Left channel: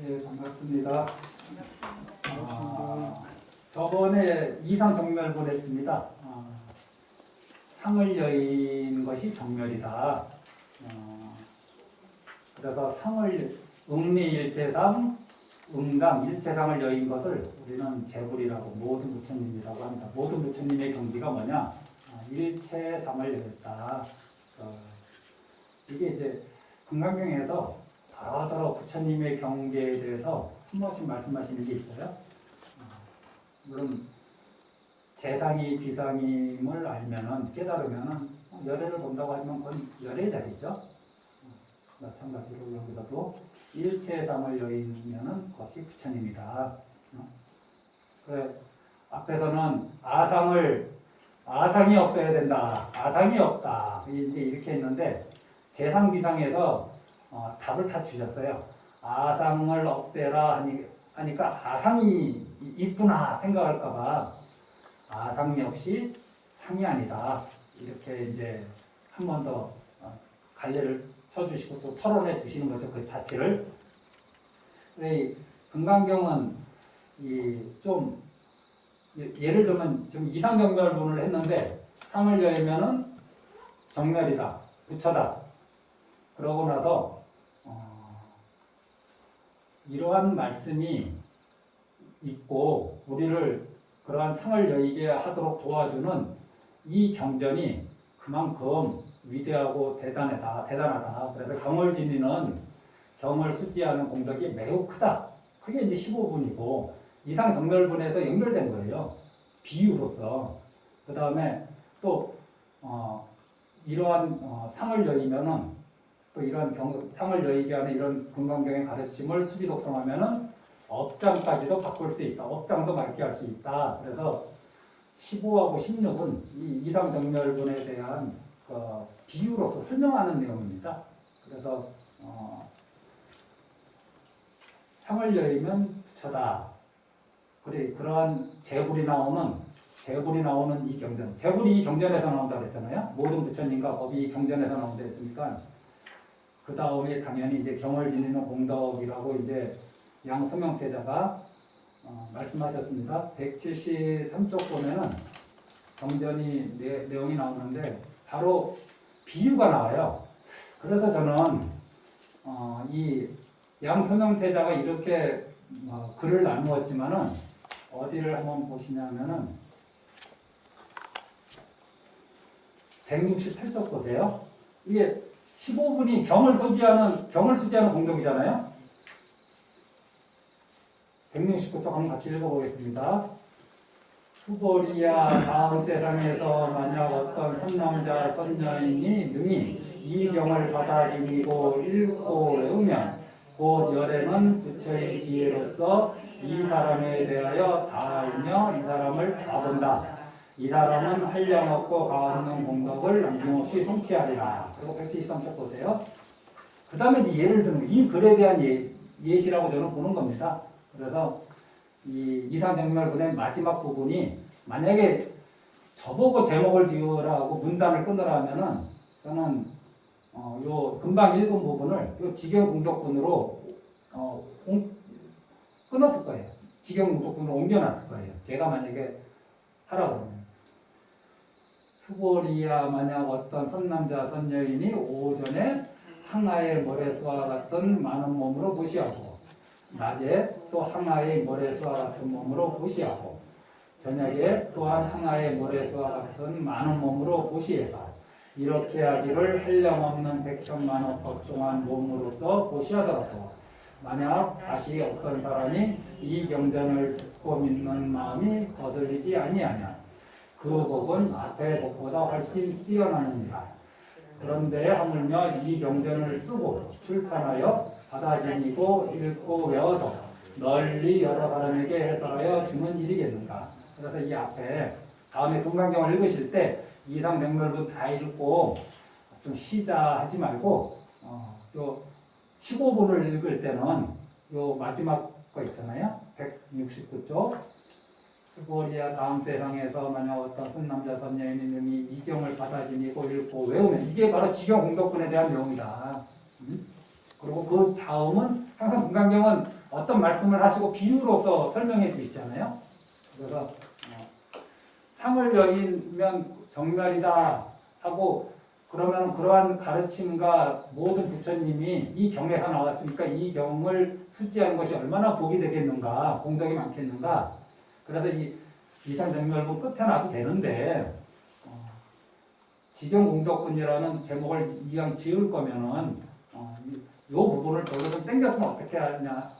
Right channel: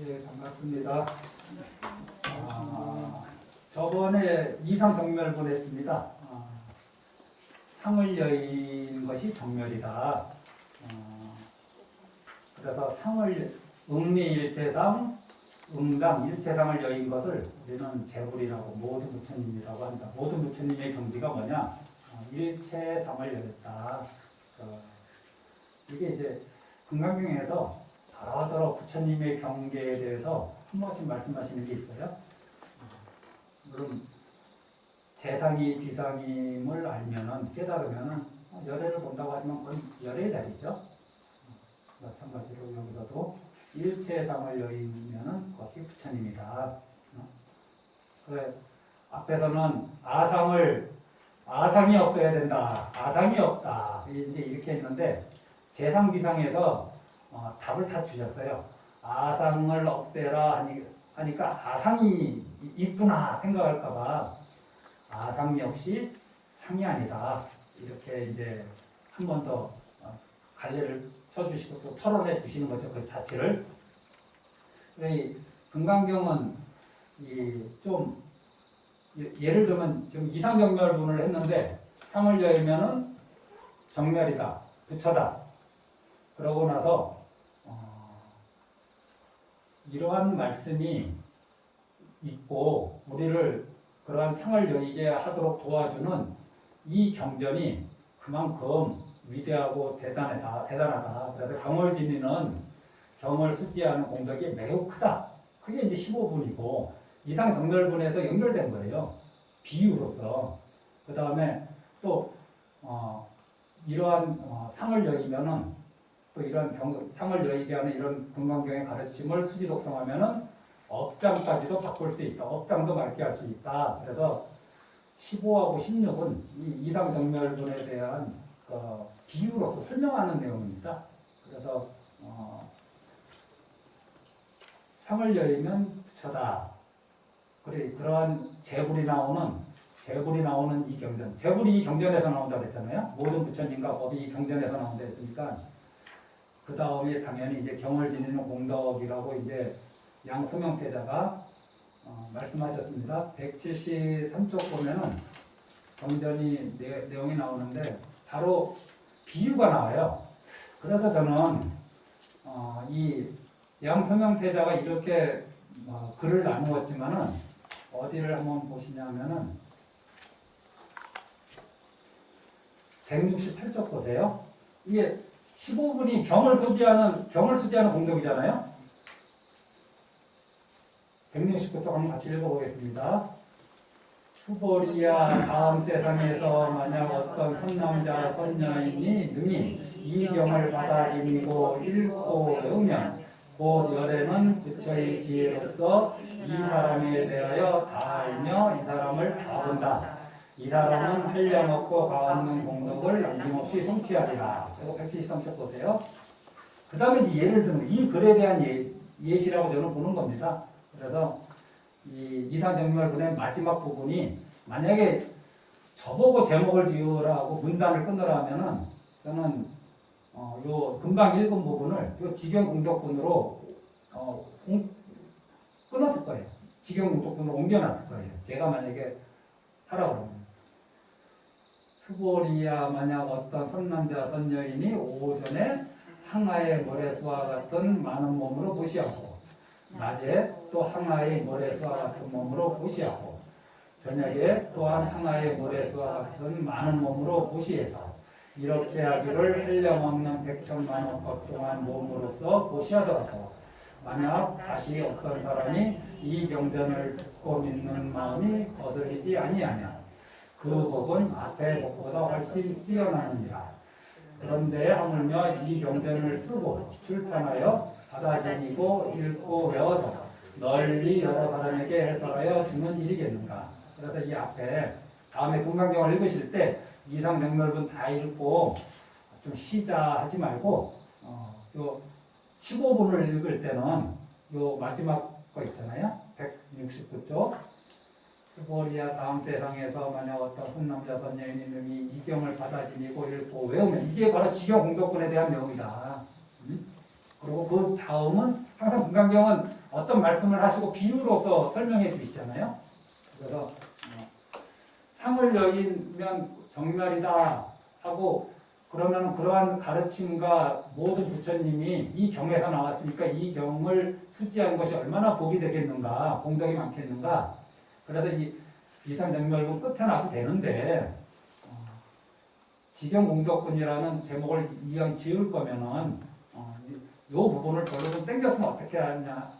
네, 반갑습니다. 저번에 이상 정멸본 했습니다. 상을 여인 것이 정멸이다. 그래서 상을 음리일체상, 음당, 일체상을 여인 것을 우리는 재불이라고 모든 부처님이라고 한다. 모든 부처님의 경지가 뭐냐? 일체상을 여였다. 이게 이제 금강경에서 더러 부처님의 경계에 대해서 한 번씩 말씀하시는 게 있어요. 물론 재상이 비상임을 알면은 깨달으면은 열애를 본다고 하지만 그건 열애의 자리죠. 마찬가지로 여기서도 일체상을 여인면은 그것이 부처님이다. 그래 앞에서는 아상이 없어야 된다. 아상이 없다. 이제 이렇게 했는데 재상 비상에서 답을 다 주셨어요. 아상을 없애라 하니까 아상이 있구나 생각할까봐 아상 역시 상이 아니다. 이렇게 이제 한 번 더 갈래를 쳐주시고 또 토론해 주시는 거죠. 그 자체를. 이 금강경은 좀 예를 들면 지금 이상정멸론을 했는데 상을 여면은 정멸이다. 부처다. 그러고 나서 이러한 말씀이 있고 우리를 그러한 상을 여의게 하도록 도와주는 이 경전이 그만큼 위대하고 대단하다. 그래서 경을 지니는 경을 수지하는 공덕이 매우 크다. 그게 이제 15분이고 이상 정멸분에서 연결된 거예요. 비유로서. 그 다음에 또 이러한 상을 여의면은 또 이런 상을 여의게 하는 이런 금강경의 가르침을 수지독성하면은 업장까지도 바꿀 수 있다. 업장도 맑게 할 수 있다. 그래서 15하고 16은 이 이상정멸분에 대한 비유로서 설명하는 내용입니다. 그래서 상을 여의면 부처다. 그래 그러한 재불이 나오는 이 경전. 재불이 이 경전에서 나온다고 했잖아요. 모든 부처님과 법이 이 경전에서 나온다 했으니까 그 다음에 당연히 이제 경을 지니는 공덕이라고 이제 양수명태자가 말씀하셨습니다. 173쪽 보면은 경전이 내용이 나오는데 바로 비유가 나와요. 그래서 저는 이 양수명태자가 이렇게 글을 나누었지만은 어디를 한번 보시냐면은 168쪽 보세요. 이게 15분이 경을 수지하는 공덕이잖아요. 169쪽 한번 같이 읽어보겠습니다. 수보리야 다음 세상에서 만약 어떤 선남자 선녀인이 능히 이 경을 받아들이고 읽고 외우면 곧 열애는 부처의 지혜로서 이 사람에 대하여 다 알며 이 사람을 다 본다. 이 사람은 한량없고 가없는 공덕을 남김없이 성취하리라. 그리고 173쪽 보세요. 그 다음에 이제 예를 들면 이 글에 대한 예시라고 저는 보는 겁니다. 그래서 이 이상정멸문의 마지막 부분이 만약에 저보고 제목을 지으라고 문단을 끊으라 하면은 저는 요 금방 읽은 부분을 요 직영공덕분으로 끊었을 거예요. 직영공덕분으로 옮겨놨을 거예요. 제가 만약에 하라고 하면. 수보리야 만약 어떤 선남자 선여인이 오전에 항아의 모래수와 같은 많은 몸으로 보시하고 낮에 또 항아의 모래수와 같은 몸으로 보시하고 저녁에 또한 항아의 모래수와 같은 많은 몸으로 보시해서 이렇게 하기를 한량없는 백천만억 법 동안 몸으로서 보시하더라도 만약 다시 어떤 사람이 이 경전을 듣고 믿는 마음이 거슬리지 아니하면 그 복은 앞의 복보다 훨씬 뛰어나느니라. 그런데 하물며 이 경전을 쓰고 출판하여 받아들이고 읽고 외워서 널리 여러 사람에게 해설하여 주는 일이겠는가. 그래서 이 앞에 다음에 금강경을 읽으실 때 이상정멸분 다 읽고 좀 쉬자 하지 말고 또 15분을 읽을 때는 요 마지막 거 있잖아요. 169쪽 수보리야 다음 세상에서 만약 어떤 손남자 선녀인이 능히 이 경을 받아들이고 읽고 외우면 이게 바로 지경공덕분에 대한 내용이다. 그리고 그 다음은 항상 금강경은 어떤 말씀을 하시고 비유로서 설명해 주시잖아요. 그래서 상을 여기면 정멸이다 하고 그러면 그러한 가르침과 모든 부처님이 이 경에서 나왔으니까 이 경을 수지한 것이 얼마나 복이 되겠는가, 공덕이 많겠는가. 그래서 이 이산정멸부 끝에 놔도 되는데 직영공덕분이라는 제목을 이왕 지을 거면은 이 부분을 별로 좀 땡겼으면 어떻게 하냐,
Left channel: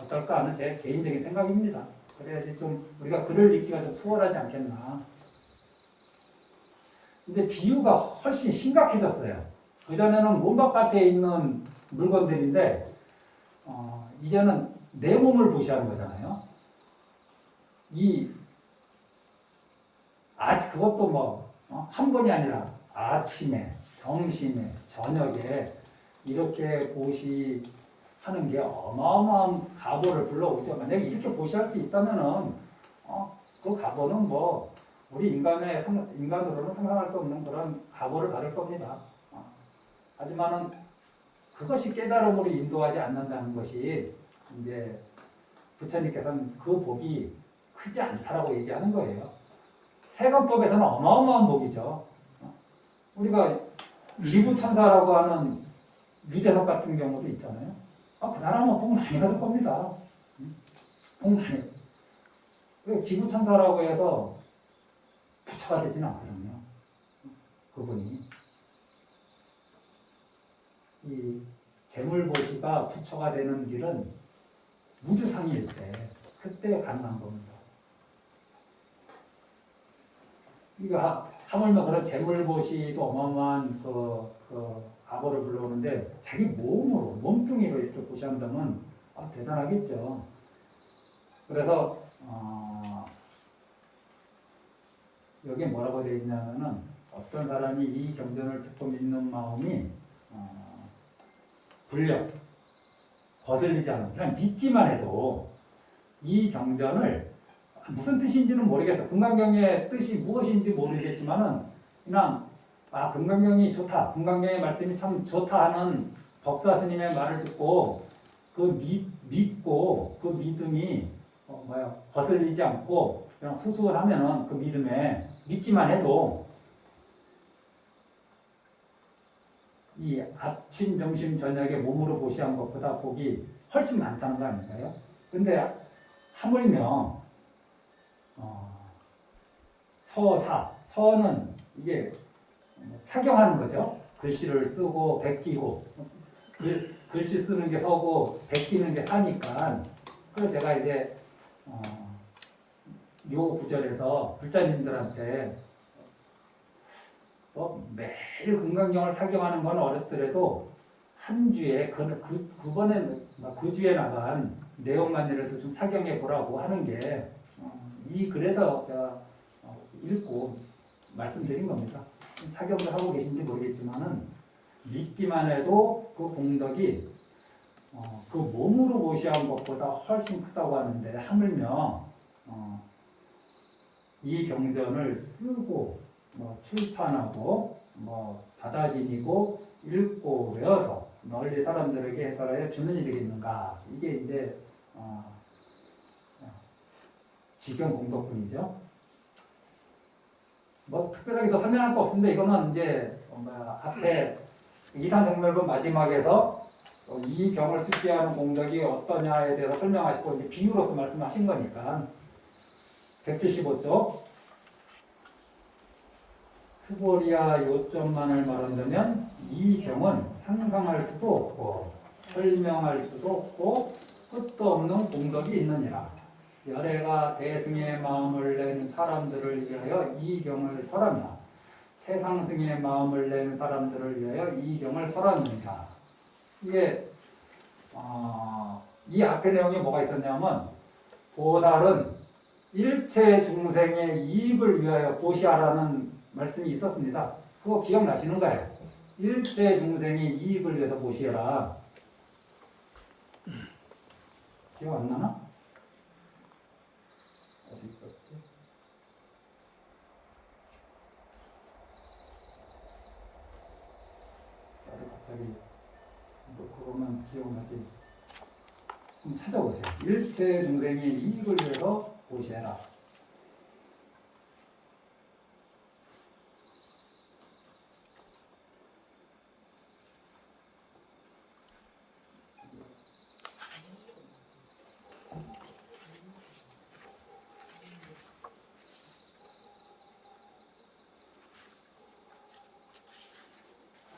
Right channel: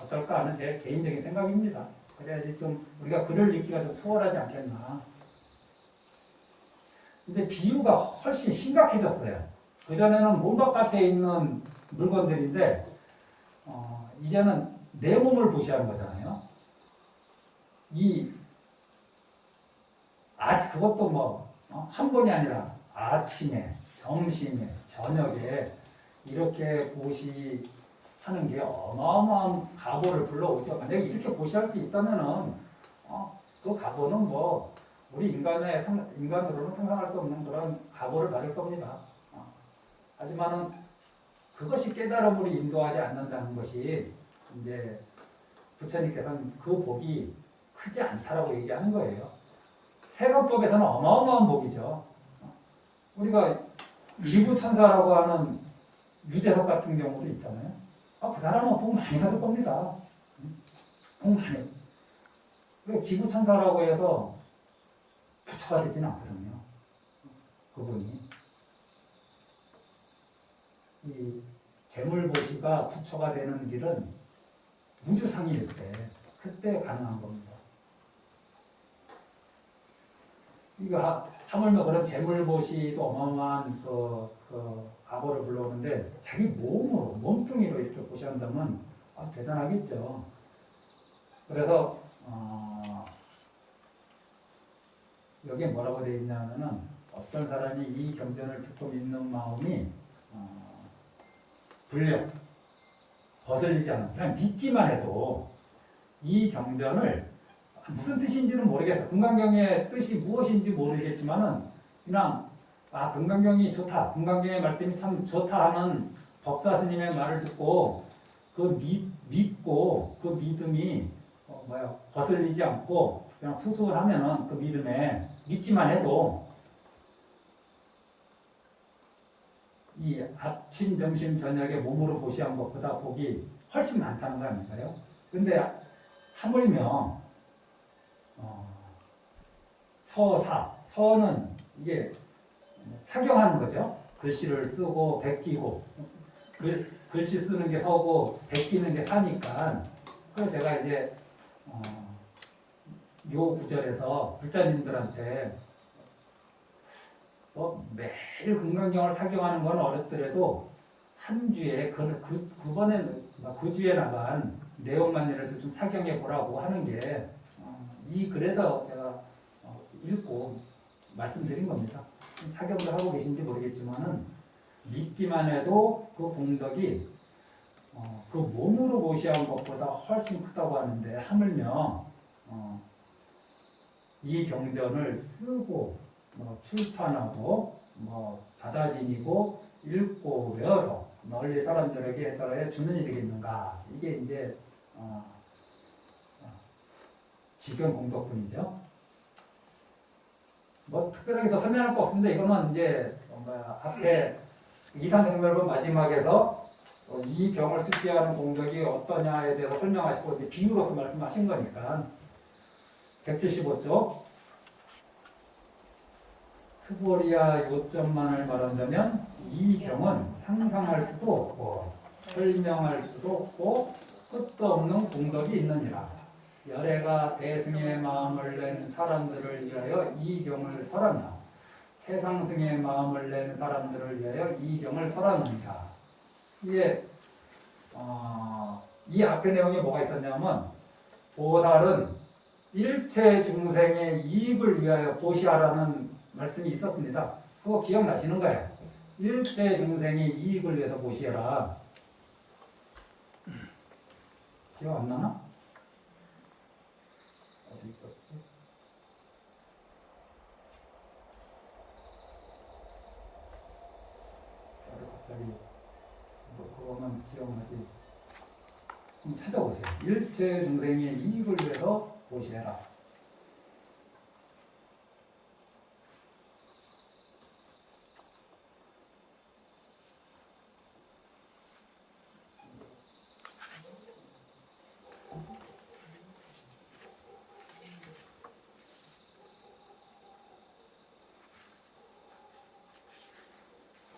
어떨까 하는 제 개인적인 생각입니다. 그래야지 좀 우리가 글을 읽기가 좀 수월하지 않겠나. 근데 비유가 훨씬 심각해졌어요. 그전에는 몸 바깥에 있는 물건들인데 이제는 내 몸을 보시하는 거잖아요. 그것도 뭐 한 번이 아니라 아침에, 점심에, 저녁에 이렇게 보시하는 게 어마어마한 가보를 불러오죠. 만약에 이렇게 보시할 수 있다면은 그 가보는 뭐 우리 인간으로는 상상할 수 없는 그런 각오를 가질 겁니다. 하지만은 그것이 깨달음으로 인도하지 않는다는 것이 이제 부처님께서는 그 복이 크지 않다라고 얘기하는 거예요. 세관법에서는 어마어마한 복이죠. 우리가 기부천사라고 하는 유재석 같은 경우도 있잖아요. 그 사람은 복 많이 받을 겁니다. 복 많이. 기부천사라고 해서 부처가 되지는 않거든요. 그분이 이 재물보시가 부처가 되는 길은 무주상일 때 그때 가능한 겁니다. 이거 하물며 그런 재물보시도 어마어마한 그 가보를 불러오는데 자기 몸으로 몸뚱이로 이렇게 보시한다면 대단하겠죠. 그래서 여기 뭐라고 되어 있냐면은 어떤 사람이 이 경전을 듣고 믿는 마음이 불력 거슬리지 않는 그냥 믿기만 해도 이 경전을 무슨 뜻인지는 모르겠어. 금강경의 뜻이 무엇인지 모르겠지만은 그냥 금강경이 좋다. 금강경의 말씀이 참 좋다 하는 법사 스님의 말을 듣고 믿고 그 믿음이 거슬리지 않고 그냥 수수하면은 그 믿음에 믿기만 해도 이 아침, 점심, 저녁에 몸으로 보시한 것보다 복이 훨씬 많다는 거 아닐까요? 근데 하물며 서는 이게 사경하는 거죠. 글씨를 쓰고 베끼고 글씨 쓰는 게 서고 베끼는 게 사니까. 그래서 제가 이제 요 구절에서 불자님들한테 매일 금강경을 사경하는 건 어렵더라도 한 주에 그번에 그 주에 나간 내용만이라도 좀 사경해 보라고 하는 게 그래서 제가 읽고 말씀드린 겁니다. 사경을 하고 계신지 모르겠지만은 믿기만 해도 그 공덕이 그 몸으로 모시한 것보다 훨씬 크다고 하는데 하물며 이 경전을 쓰고 출판하고 받아지니고 읽고 외워서 널리 사람들에게 해설하여 주는 일이 되겠는가. 이게 이제 지경 공덕분이죠. 특별하게 더 설명할 거 없습니다. 이거는 이제 앞에 이산정멸로 마지막에서 이 경을 숙지하는 공덕이 어떠냐에 대해서 설명하시고 이제 비유로서 말씀하신 거니까 175쪽 스보리아 요점만을 말한다면 이 경은 상상할 수도 없고 설명할 수도 없고 끝도 없는 공덕이 있느니라. 열애가 대승의 마음을 낸 사람들을 위하여 이 경을 설하며 최상승의 마음을 낸 사람들을 위하여 이 경을 설합니다. 이게 이 앞에 내용에 뭐가 있었냐면 보살은 일체 중생의 이익을 위하여 보시하라는 말씀이 있었습니다. 그거 기억나시는 거예요? 일체 중생의 이익을 위해서 보시해라. 기억 안 나나? 어디 있었지? 나도 갑자기 그거만 기억나지. 한번 찾아보세요. 일체 중생의 이익을 위해서 보시해라.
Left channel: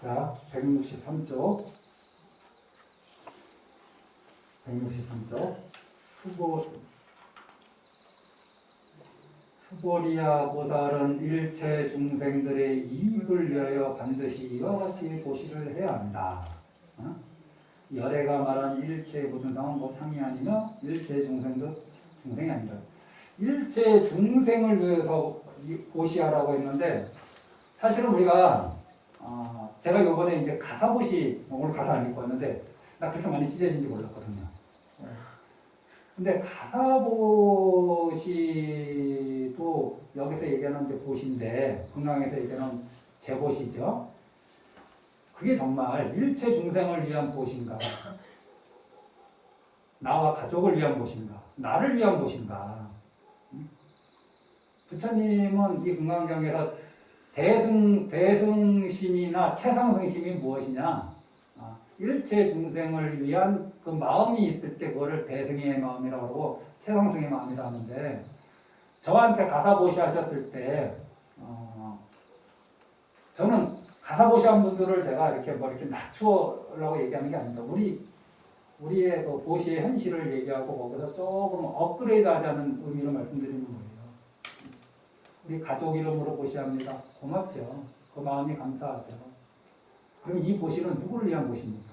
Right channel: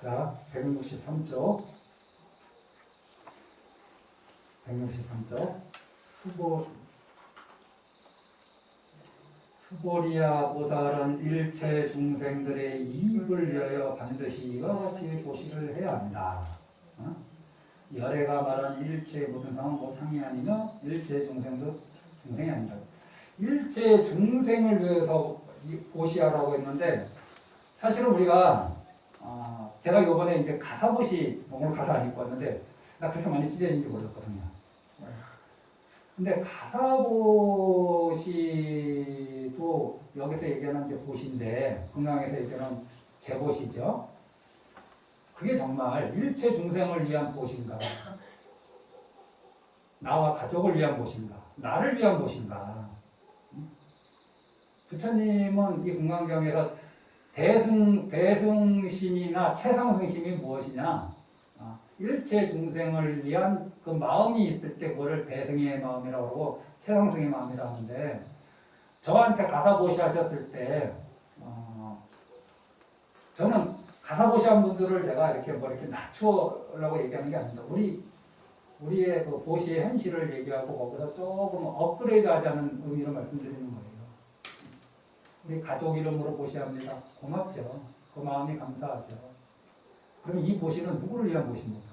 자, 163쪽. 163쪽. 수고리야 보살은 일체 중생들의 이익을 위하여 반드시 이와 같이 보시를 해야 한다. 어? 열애가 말한 일체 모든 상은 뭐 상이 아니며 일체 중생도 중생이 아니라 일체 중생을 위해서 보시하라고 했는데 사실은 우리가 제가 이번에 이제 가사보시 오늘 가사 안 읽고 왔는데 나 그렇게 많이 찢어진지 몰랐거든요. 근데 가사보시도 여기서 얘기하는 이제 보시인데 금강에서 얘기하는 제보시죠. 그게 정말 일체 중생을 위한 보시인가? 나와 가족을 위한 보시인가? 나를 위한 보시인가? 부처님은 이 금강경에서 대승심이나 최상승심이 무엇이냐? 일체 중생을 위한 그 마음이 있을 때 그거를 대승의 마음이라고 하고 최상승의 마음이라고 하는데 저한테 가사보시 하셨을 때 저는 가사보시 한 분들을 제가 이렇게 뭐 이렇게 낮추라고 얘기하는 게 아닙니다. 우리의 그 보시의 현실을 얘기하고 거기서 조금 업그레이드 하자는 의미로 말씀드리는 거예요. 우리 가족 이름으로 보시합니다. 고맙죠. 그 마음이 감사하죠. 그럼 이 보시는 누구를 위한 보시입니까?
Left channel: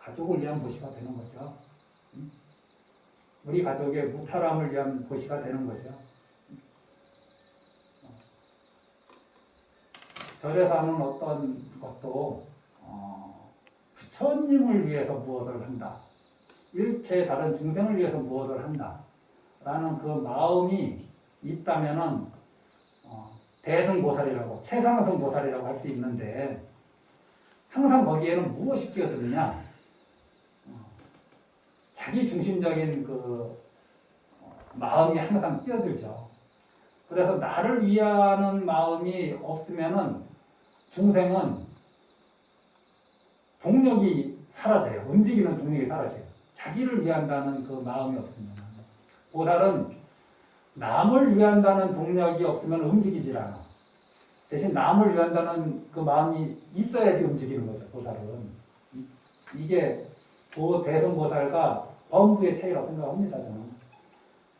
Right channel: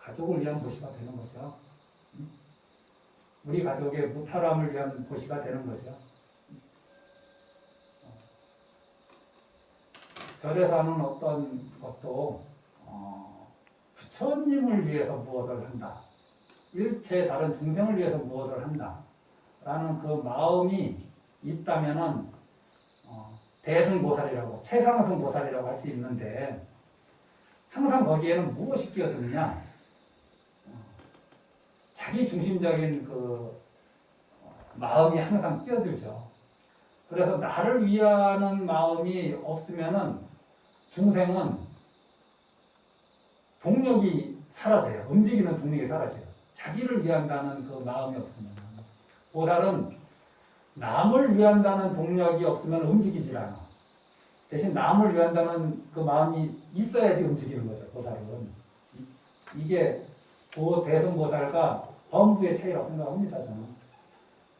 가족을 위한 보시가 되는 거죠. 우리 가족의 무탈함을 위한 보시가 되는 거죠. 절에서 하는 어떤 것도 부처님을 위해서 무엇을 한다. 일체 다른 중생을 위해서 무엇을 한다. 라는 그 마음이 있다면은 대승보살이라고 최상승보살이라고 할 수 있는데 항상 거기에는 무엇이 끼어드느냐? 자기 중심적인 그 마음이 항상 끼어들죠. 그래서 나를 위하는 마음이 없으면은 중생은 동력이 사라져요. 움직이는 동력이 사라져요. 자기를 위한다는 그 마음이 없으면 보살은 남을 위한다는 동력이 없으면 움직이질 않아. 대신 남을 위한다는 그 마음이 있어야지 움직이는 거죠. 보살은. 이게 대승보살과 범부의 차이라고 생각합니다. 저는.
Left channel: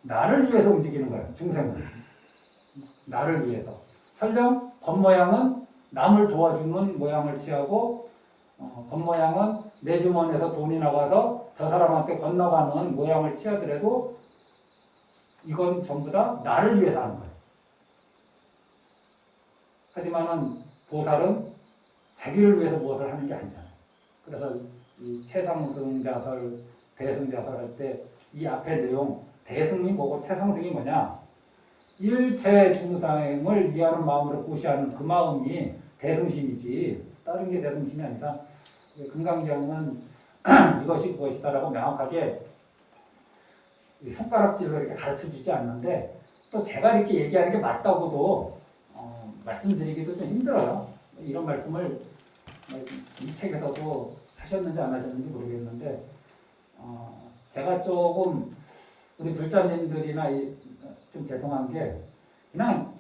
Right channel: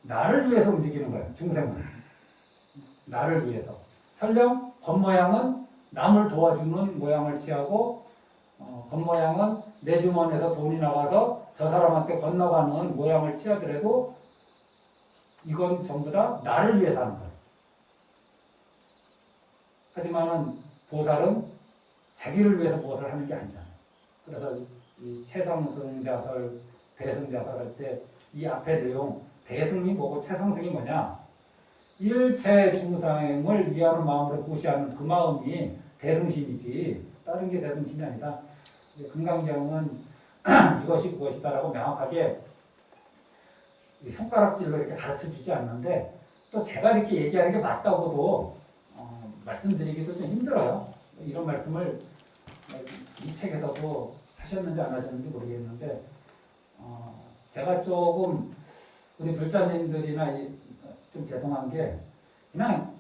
나를 위해서 움직이는 거예요. 중생은. 나를 위해서. 설령 겉모양은 남을 도와주는 모양을 취하고 겉모양은 내 주머니에서 돈이 나가서 저 사람한테 건너가는 모양을 취하더라도 이건 전부 다 나를 위해서 하는 거예요. 하지만은 보살은 자기를 위해서 무엇을 하는 게 아니잖아요. 그래서 이 최상승자설, 대승자설 할 때 이 앞에 내용 대승이 뭐고 최상승이 뭐냐? 일체 중생을 위하는 마음으로 보시하는 그 마음이 대승심이지 다른 게 대승심이 아니다. 금강경은 이것이 무엇이다라고 명확하게 손가락질로 이렇게 가르쳐주지 않는데 또 제가 이렇게 얘기하는 게 맞다고도 말씀드리기도 좀 힘들어요. 이런 말씀을 이 책에서도 하셨는지 안 하셨는지 모르겠는데 제가 조금 우리 불자님들이나 좀 죄송한 게 그냥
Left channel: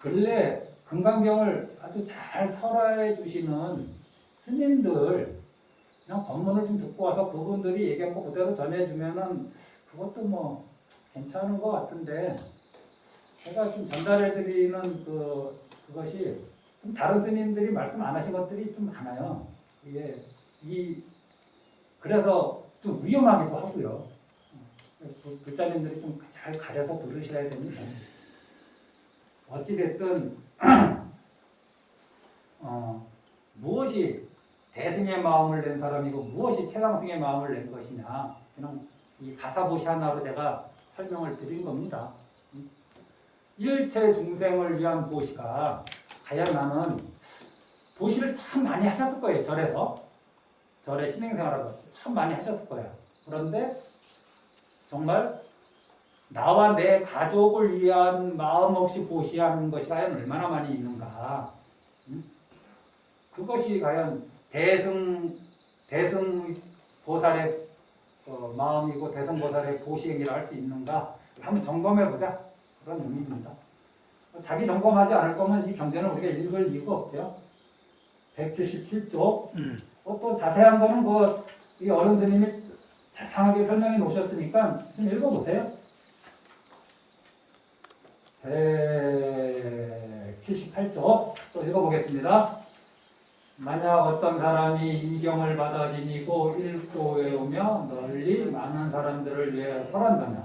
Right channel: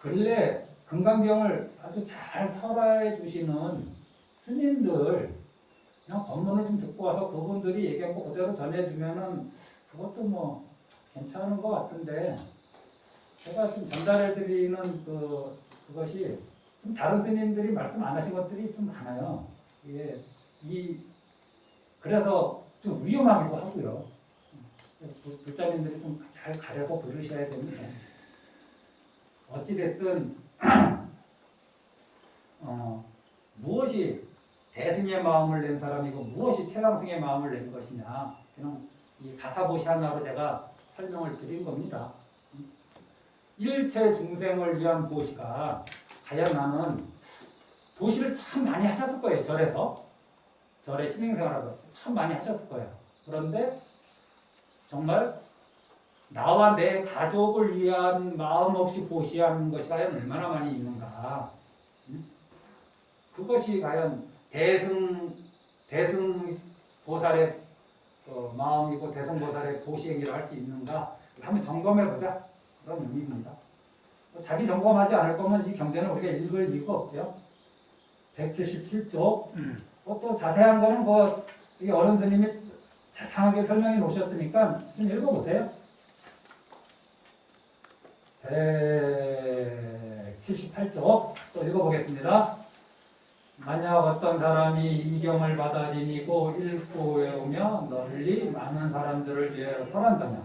근래 금강경을 아주 잘 설화해 주시는 스님들 그냥 법문을 좀 듣고 와서 그분들이 얘기한 거 그대로 전해주면은 그것도 뭐 괜찮은 것 같은데 제가 좀 전달해드리는 그것이 좀 다른 스님들이 말씀 안 하신 것들이 좀 많아요. 그래서 좀 위험하기도 하고요. 불자님들이 좀 잘 가려서 들으셔야 되는데 어찌됐든 무엇이 대승의 마음을 낸 사람이고 무엇이 최상승의 마음을 낸 것이냐 그냥 이 가사보시 하나로 제가 설명을 드린 겁니다. 일체 중생을 위한 보시가 과연 나는 보시를 참 많이 하셨을 거예요. 절에서 절에 신행생활을 참 많이 하셨을 거예요. 그런데 정말 나와 내 가족을 위한 마음 없이 보시하는 것이 과연 얼마나 많이 있는가. 응? 그것이 과연 대승 보살의 마음이고 대승 보살의 보시행이라 할 수 있는가. 한번 점검해 보자. 그런 의미입니다. 자기 점검하지 않을 거면 이 경전을 우리가 읽을 이유가 없죠. 177쪽. 또 자세한 거는 이 어른 스님이 자상하게 설명해 놓으셨으니까 좀 읽어보세요. 178쪽 또 읽어보겠습니다. 만약 어떤 사람이 이 경을 받아들이고 읽고 외우며 널리 많은 사람들을 위해 설한다면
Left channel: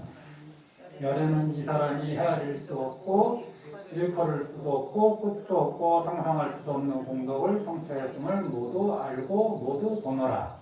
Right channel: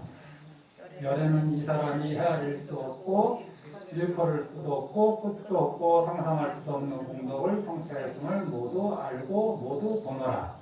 열에는 이 사람이 헤아릴 수 없고 일컬을 수도 없고 끝도 없고 상상할 수 없는 공덕을 성취했음을 모두 알고 모두 보노라.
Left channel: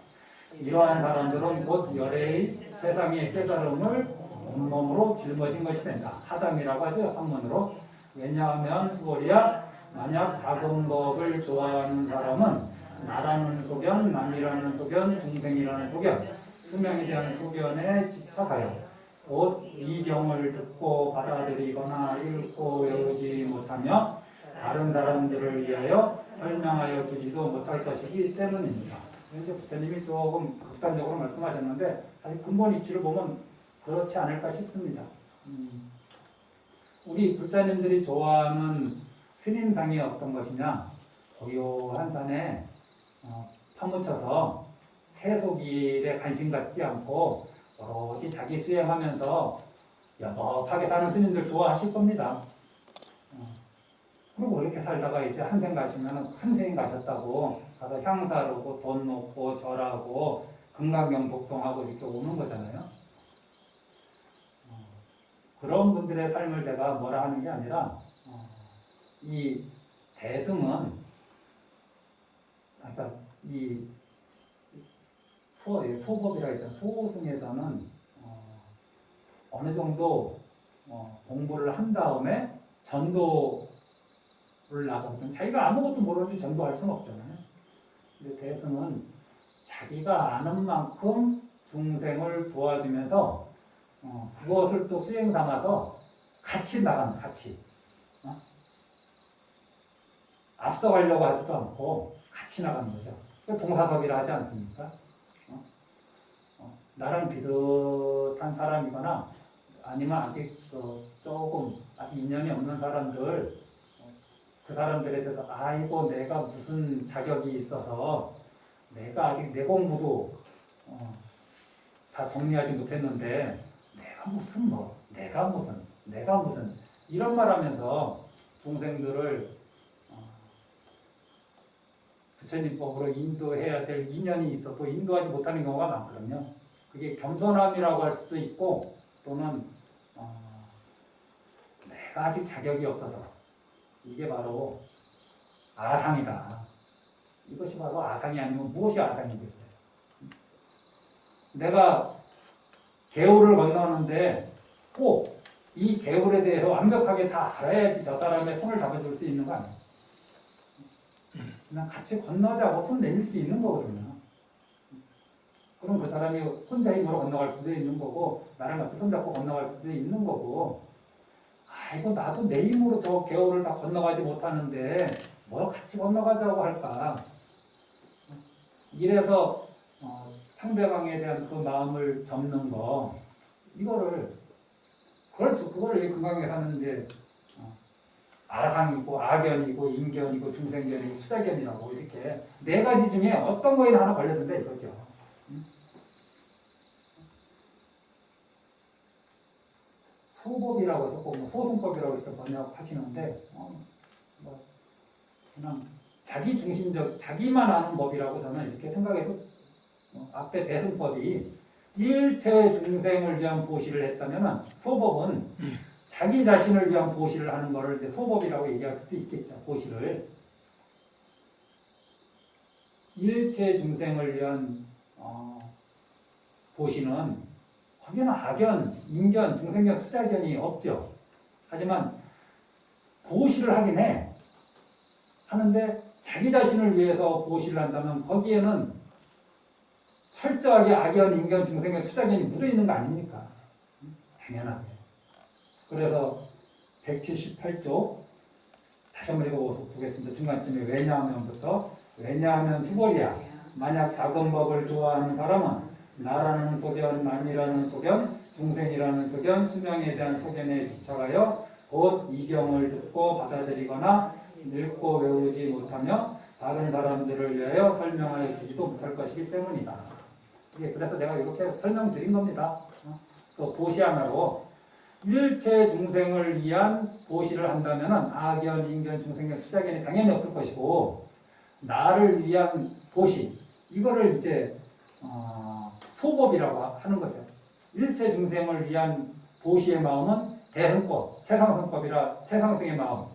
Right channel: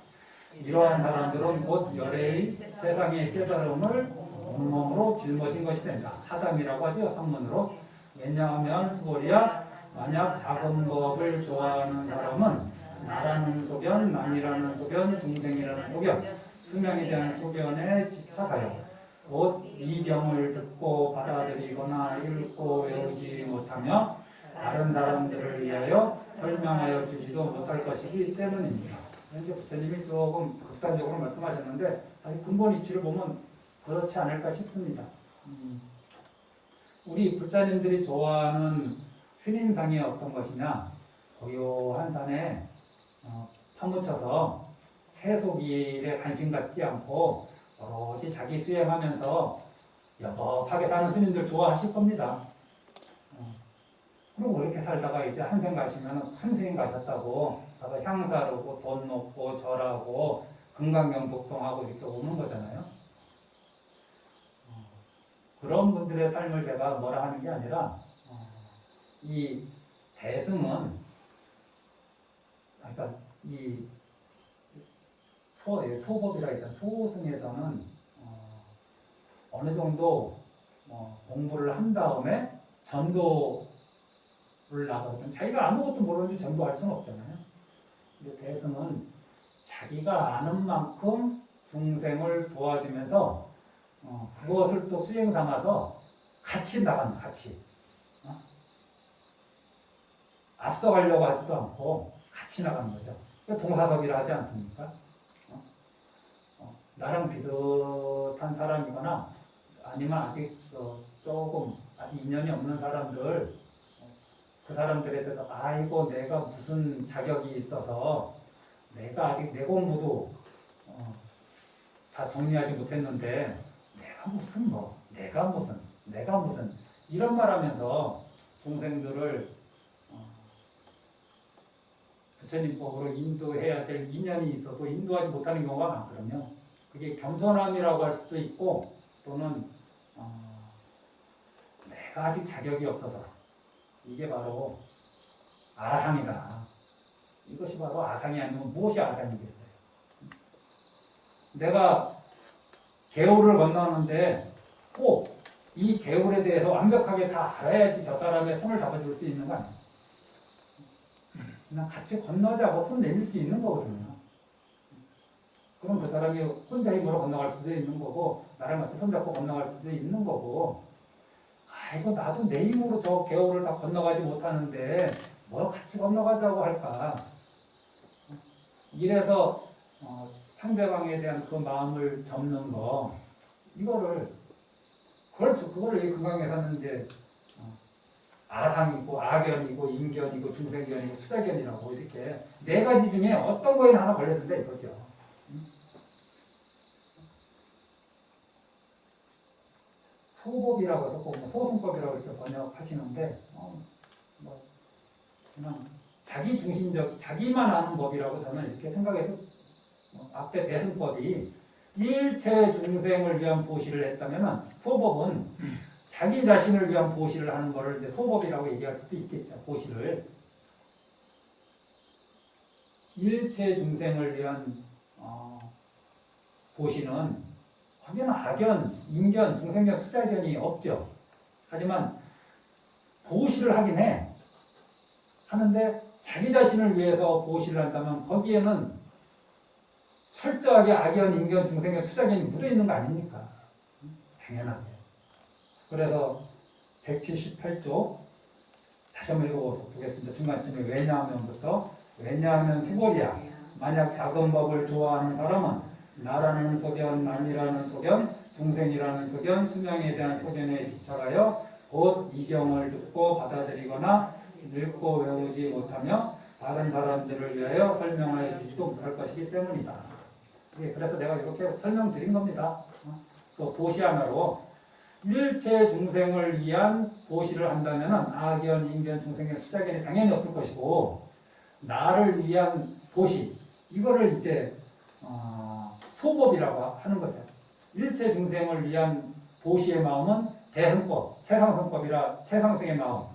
이러한 사람들은 곧 열애의 세상의 깨달음을 온몸으로 짊어진 것이 된다. 하담이라고 하죠. 한문으로. 왜냐하면 수고리야 만약 작은 법을 좋아하는 사람은 나라는 소견, 남이라는 소견, 중생이라는 소견, 수명에 대한 소견에 집착하여 곧 이 경을 듣고 받아들이거나 읽고 외우지 못하며 다른 사람들을 위하여 설명하여 주지도 못할 것이기 때문입니다. 현재 부처님이 조금 극단적으로 말씀하셨는데 아직 근본 이치를 보면 그렇지 않을까 싶습니다. 우리 부처님들이 좋아하는 스님상이 어떤 것이냐? 고요한 산에 파묻혀서 세속일에 관심 갖지 않고 오로지 자기 수행하면서 여법하게 사는 스님들 좋아하실 겁니다. 그리고 이렇게 살다가 이제 한생 가시면 한생 가셨다고 가서 향사르고 돈 놓고 절하고 금강경 독송하고 이렇게 오는 거잖아요. 그런 분들의 삶을 제가 뭐라 하는 게 아니라 이 대승은 그러니까 이 소법이라 했죠. 소승에서는 어느 정도 공부를 한 다음에 전도를 나가거든. 자기가 아무것도 모르는지 전도할 수는 없잖아요. 근데 대승은 자기가 아는 만큼 중생을 도와주면서 그것을 또 수행 삼아서 같이 나가는 같이 앞서가려고 하지도 않고 같이 나가는 거죠. 동사섭이라 하지 않습니까? 나랑 비슷한 사람이거나 아니면 아직 조금 아직 인연이 없는 사람들 그 사람들에 대해서 아이고 내가 무슨 자격이 있어서 내가 아직 내 공부도 다 정리하지 못했는데 내가 무슨 이런 말하면서 동생들을 부처님 법으로 인도해야 될 인연이 있어도 인도하지 못하는 경우가 많거든요. 그게 겸손함이라고 할 수도 있고 또는 내가 아직 자격이 없어서 이게 바로 아상이다. 이것이 바로 아상이 아니면 무엇이 아상이겠어요? 내가 개울을 건너는데 꼭 이 개울에 대해서 완벽하게 다 알아야지 저 사람의 손을 잡아줄 수 있는 거 아니에요? 그냥 같이 건너자고 손 내밀 수 있는 거거든요. 그럼 그 사람이 혼자 힘으로 건너갈 수도 있는 거고 나랑 같이 손잡고 건너갈 수도 있는 거고 아이고 나도 내 힘으로 저 개울을 다 건너가지 못하는데 뭐 같이 건너가자고 할까. 이래서 상대방에 대한 그 마음을 접는 거 그걸 금강에서는 이제 아상이고 악견이고 인견이고 중생견이고 수자견이라고 이렇게 네 가지 중에 어떤 거에 하나 걸려든다 이거죠. 소법이라고 해서 꼭 소승법이라고 이렇게 번역하시는데 그냥 자기 중심적 자기만 아는 법이라고 저는 이렇게 생각해서 앞에 대승법이 일체 중생을 위한 보시를 했다면 소법은 자기 자신을 위한 보시를 하는 것을 이제 소법이라고 얘기할 수도 있겠죠. 보시를 일체 중생을 위한 보시는 거기는 악견, 인견, 중생견, 수자견이 없죠. 하지만 보시를 하긴 해. 하는데 자기 자신을 위해서 보시를 한다면 거기에는 철저하게 악연, 인견, 중생의 수작이 묻어 있는 거 아닙니까? 당연하게. 그래서 178쪽 다시 한번 읽어보겠습니다. 중간쯤에 왜냐하면부터 왜냐하면 수고리야. 만약 작은 법을 좋아하는 사람은 나라는 소견, 남이라는 소견, 중생이라는 소견, 수명에 대한 소견에 집착하여 곧 이경을 듣고 받아들이거나 읽고 외우지 못하며 다른 사람들을 위하여 설명하여 주지도 못할 것이기 때문이다. 그래서 제가 이렇게 설명드린 겁니다. 또 보시 하나로 일체 중생을 위한 보시를 한다면 악연, 인견, 중생견, 수작견이 당연히 없을 것이고 나를 위한 보시 이거를 이제 소법이라고 하는 거죠. 일체 중생을 위한 보시의 마음은 대승법, 최상승법이라 최상승의 마음.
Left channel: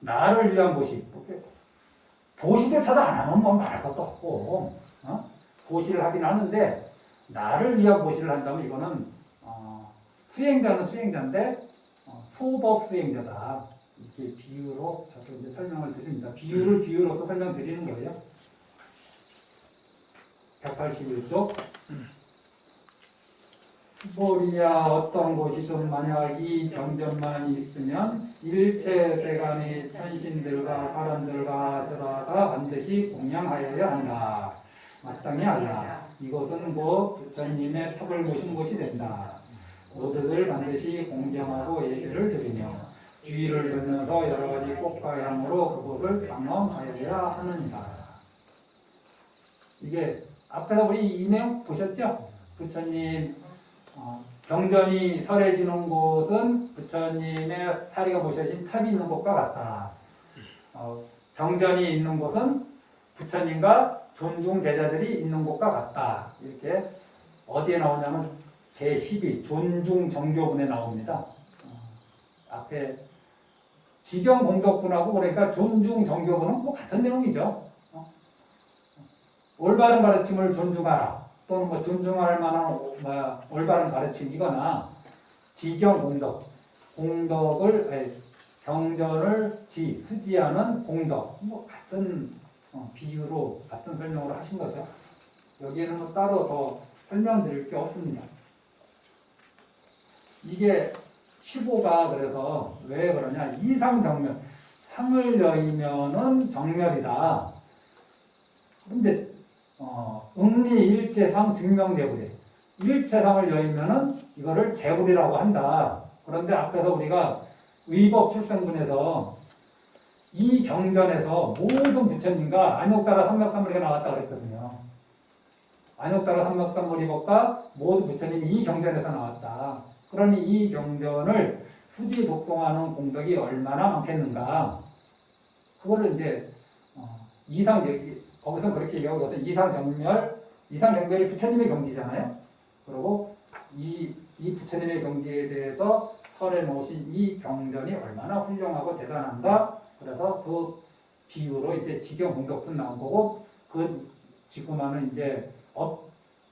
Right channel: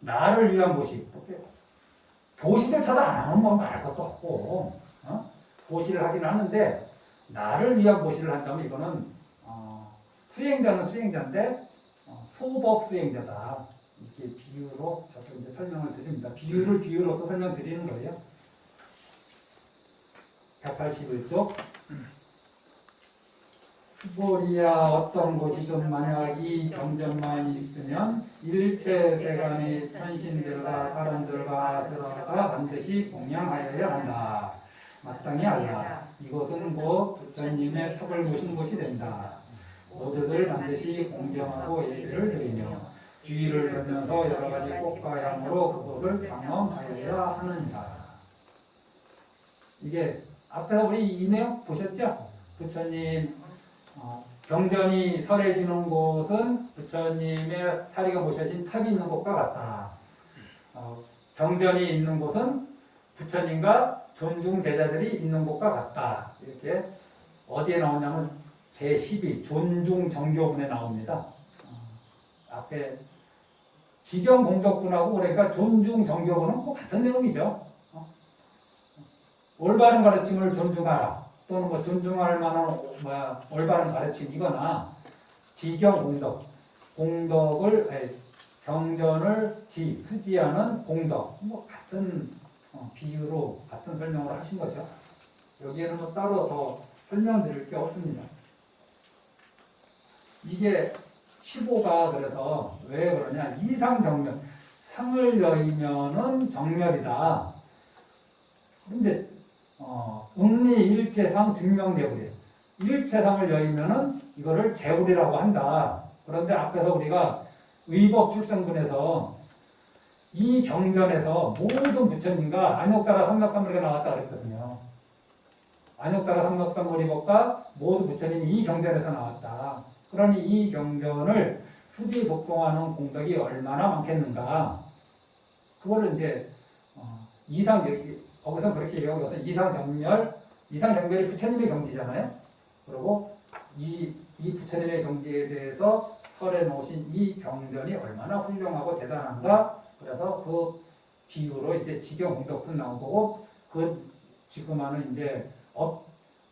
나를 위한 보시. 보시조차도 안 하면 뭐 말할 것도 없고 보시를 하긴 하는데 나를 위한 보시를 한다면 이거는 수행자는 수행자인데 소법 수행자다. 이렇게 비유로 이제 설명을 드립니다. 비유를 비유로서 설명드리는 거예요. 181쪽 수보리야 어떤 곳이든 만약 이 경전만 있으면 일체 세간의 천신들과 사람들과 아수라가 반드시 공양하여야 한다. 마땅히 알라. 이곳은 곧 부처님의 탑을 모신 곳이 된다. 모두들 반드시 공경하고 예배를 드리며 주의를 들면서 여러 가지 꽃과 향으로 그곳을 경험하여야 하느니라. 이게 앞에서 우리 이 내용 보셨죠? 부처님 경전이 설해지는 곳은 부처님의 사리가 모셔진 탑이 있는 곳과 같다. 경전이 있는 곳은 부처님과 존중 제자들이 있는 곳과 같다. 이렇게 어디에 나오냐면 제12 존중 정교분에 나옵니다. 앞에 지경 공덕분하고 그러니까 존중 정교분은 뭐 같은 내용이죠. 올바른 가르침을 존중하라 또는 뭐 존중할 만한 올바른 가르침이거나 지경 공덕 공덕을 경전을 수지하는 공덕 뭐 같은 비유로 같은 설명을 하신 거죠. 여기에는 뭐 따로 더 설명드릴 게 없습니다. 이게 15가 그래서 왜 그러냐 이상정멸 상을 여의면은 정멸이다. 근데 응리일체상 증명제불이에요. 일체상을 여의면은 이거를 제불이라고 한다. 그런데 앞에서 우리가 의법 출생분에서 이 경전에서 모든 부처님과 안욕따라 삼막삼물이가 나왔다 그랬거든요. 안욕따라 삼막삼물이법과 모두 부처님이 이 경전에서 나왔다. 그러니 이 경전을 수지 독송하는 공덕이 얼마나 많겠는가. 그거를 이제 거기서 그렇게 얘기하고 있어서 이상정멸이 부처님의 경지잖아요. 그리고 이 부처님의 경지에 대해서 설해 놓으신 이 경전이 얼마나 훌륭하고 대단한가. 그래서 그 비유로 이제 지경 공덕분 나온 거고 지금 하는 이제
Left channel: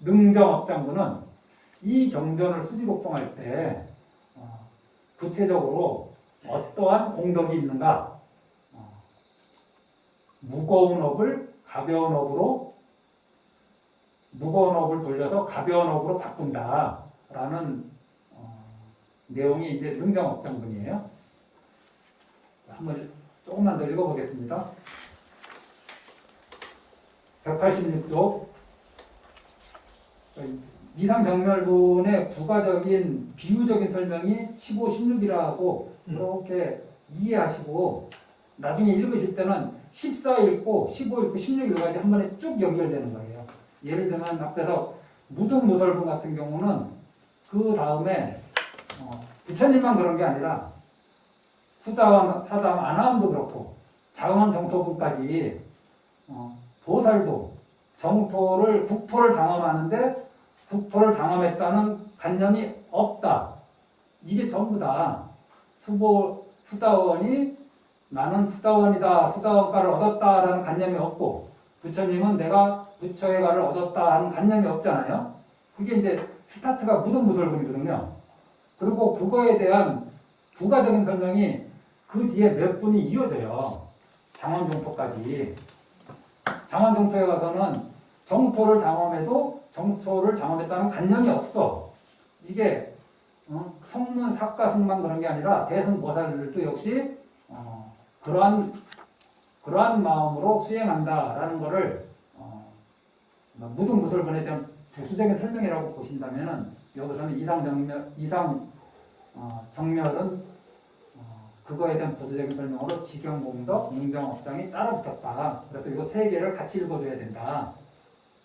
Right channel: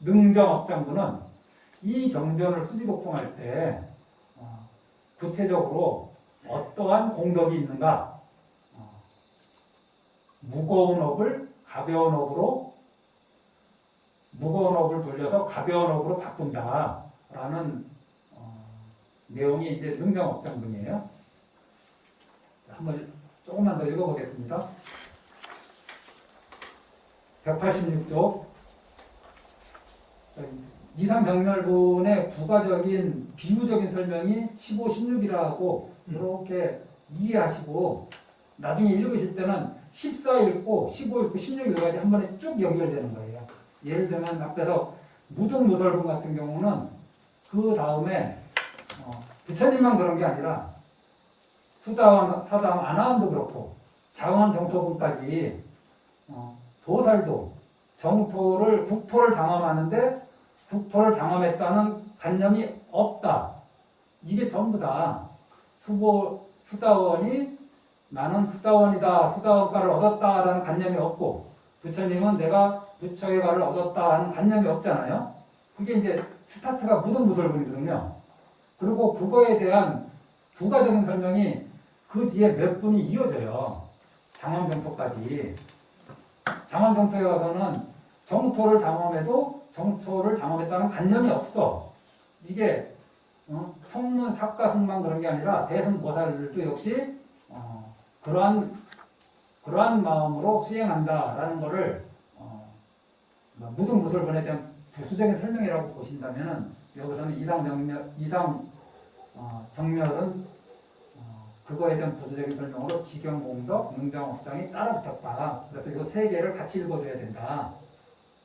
능정업장부는 이 경전을 수지 독송할 때 구체적으로 어떠한 공덕이 있는가. 무거운 업을 가벼운 업을 돌려서 가벼운 업으로 바꾼다라는 내용이 이제 능정업장분이에요. 한번 조금만 더 읽어보겠습니다. 186쪽 이상정멸론의 부가적인 비유적인 설명이 15, 16이라고 이렇게 이해하시고 나중에 읽으실 때는 14 읽고 15 읽고 16 읽어야지 한 번에 쭉 연결되는 거예요. 예를 들면 앞에서 무등무설분 같은 경우는 그 다음에 부처님만 그런 게 아니라 수다왕, 사다왕, 아나함도 그렇고 자응함 정토분까지 보살도 국토를 장엄하는데 국토를 장엄했다는 관념이 없다. 이게 전부 다 수다원이 나는 수다원이다, 수다원가를 얻었다라는 관념이 없고 부처님은 내가 부처의가를 얻었다 하는 관념이 없잖아요. 그게 이제 스타트가 무등무설분이거든요. 그리고 그거에 대한 부가적인 설명이 그 뒤에 몇 분이 이어져요. 장엄정토까지. 장엄정토에 가서는 정토를 장엄해도 정토를 장엄했다는 관념이 없어. 이게 성문 삭가승만 그런 게 아니라 대승보살들도 역시 그러한 마음으로 수행한다라는 거를 무등무설본에 대한 부수적인 설명이라고 보신다면은 여기서는 정멸은 그거에 대한 부수적인 설명으로 직영공덕, 능정업장이 따로 붙었다. 그래서 이거 세 개를 같이 읽어줘야 된다.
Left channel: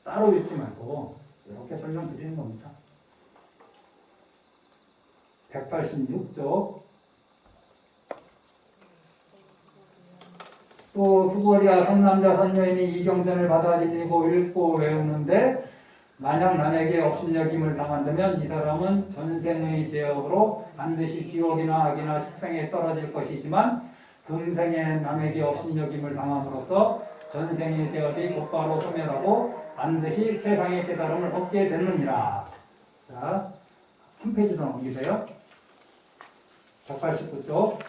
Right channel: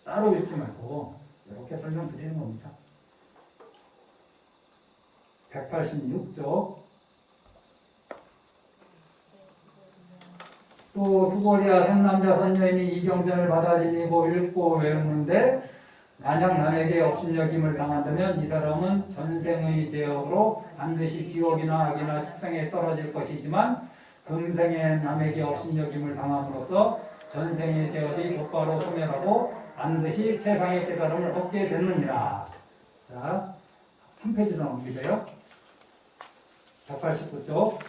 따로 읽지 말고 이렇게 설명드리는 겁니다. 186쪽. 또 수고리야 선남자 선녀인이 이 경전을 받아들이고 읽고 외우는데 만약 남에게 업신여김을 당한다면 이 사람은 전생의 죄업으로 반드시 지옥이나 악이나 축생에 떨어질 것이지만 금생에 남에게 업신여김을 당함으로써 전생의 죄업이 곧바로 소멸하고 반드시 세상의 깨달음을 얻게 되느니라. 자, 한 페이지 더 넘기세요. 189쪽.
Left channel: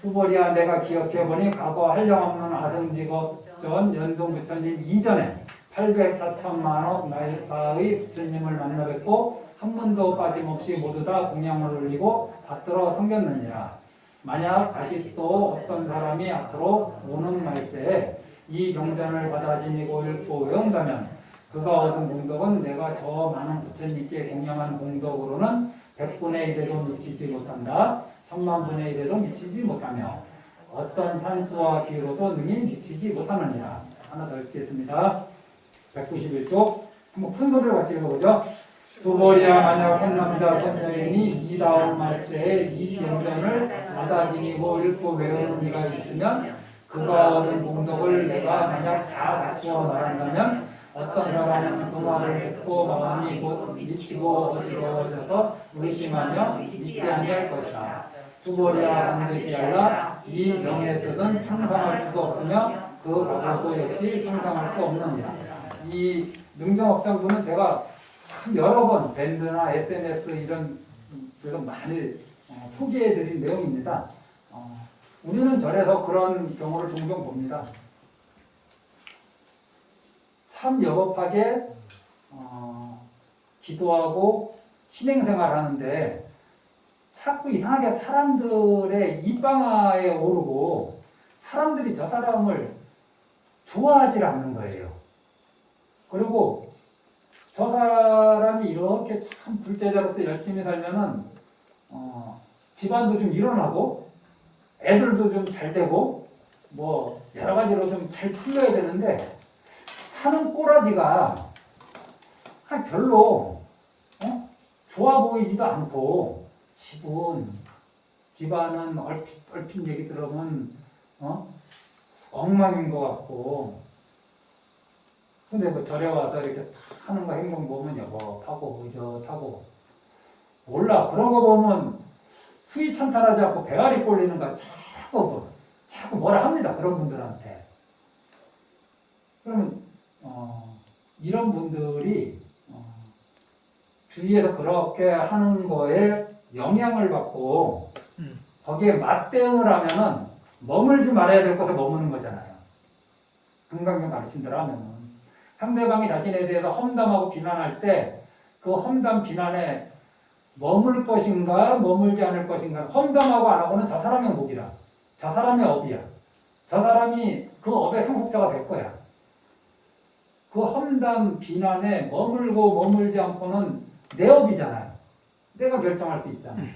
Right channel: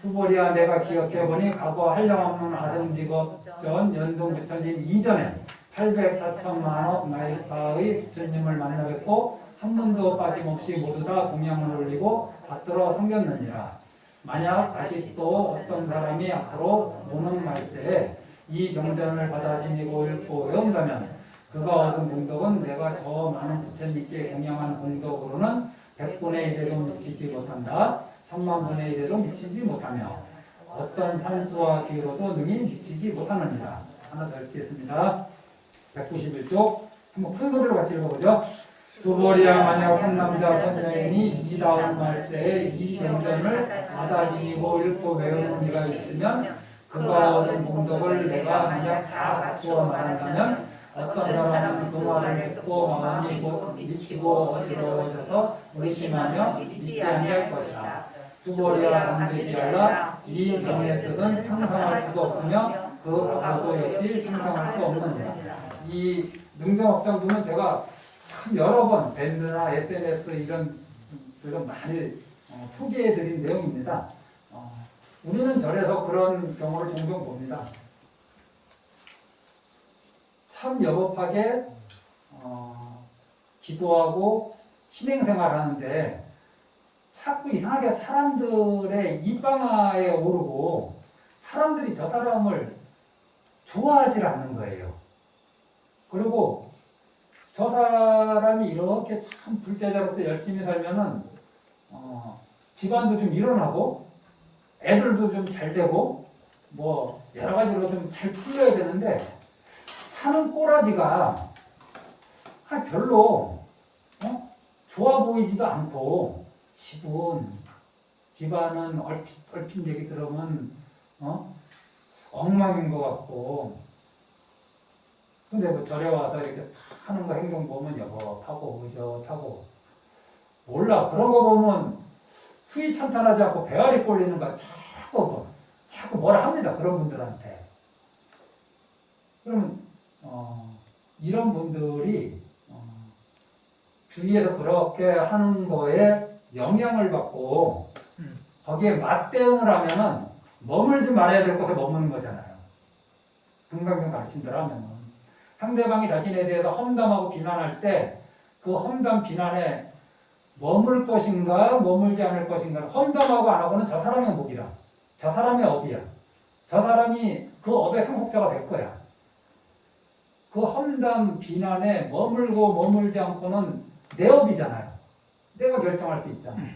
수보리야 내가 기억해보니 과거 한량없는 아성직업 연동 부처님 이전에 800~4천만억 나이파의 부처님을 만나 뵙고 한 번도 빠짐없이 모두 다 공양을 올리고 받들어 섬겼느니라. 만약 다시 또 어떤 사람이 앞으로 오는 말세에 이 경전을 받아 지니고 읽고 외운다면 그가 얻은 공덕은 내가 저 많은 부처님께 공양한 공덕으로는 100분의 1에도 미치지 못한다. 1000만분의 1에도 미치지 못하며 어떤 산수와 비로도 능히 미치지 못하느니라. 하나 더 읽겠습니다. 191쪽. 한번 큰 소리로 같이 읽어보죠. 수보리야 만약 한 남자 선생이 이 다음 말세에 이 경전을 받아 지니고 읽고 외우는 이가 있으면 그가 얻은 공덕을 내가 만약 다 갖추어 말한다면 어떤 사람은 그 말을 듣고 마음이 곧 미치고 어지러워져서 의심하며 믿지 아니할 것이다. 수보리야 반드시 알라 이 명의 뜻은 상상할 수 없으며 그 과거도 역시 상상할 수 없느니라. 이 능정업장부는 제가 참 여러 번 밴드나 SNS 이런 데서 많이 소개해드린 내용입니다. 우리는 절에서 그런 경우를 종종 봅니다. 참 여법하게 기도하고 신행생활 하는데 자꾸 이상하게 사람들의 입방아에 오르고 사람들이 저 사람을 좋아하지 않는 거예요. 그리고 저 사람이 이렇게 참 불제자로서 열심히 살면은 집안도 좀 일어나고 애들도 좀 잘 되고 뭐 여러 가지로 좀 잘 풀려야 되는데 사는 꼬라지가 별로 좋아 보이지도 않고 집안은 얼핏 얘기 들으면 엉망인 것 같고 근데 뭐 절에 와서 이렇게 하는 거 행동 보면 여법하고 의젓하고 몰라 그런 거 보면 수위 찬탄하지 않고 배알이 꼴리는 거 자꾸 뭐라 합니다. 그런 분들한테. 그러면 이런 분들이 주위에서 그렇게 하는 거에 영향을 받고 거기에 맞대응을 하면은 머물지 말아야 될 곳에 머무는 거잖아요. 금강경 가르친대로 하면은 상대방이 자신에 대해서 험담하고 비난할 때 그 험담 비난에 머물 것인가 머물지 않을 것인가 험담하고 안 하고는 저 사람의 목이라 저 사람의 업이야. 저 사람이 그 업의 상속자가 될 거야. 그 험담 비난에 머물고 머물지 않고는 내 업이잖아요. 내가 결정할 수 있잖아요.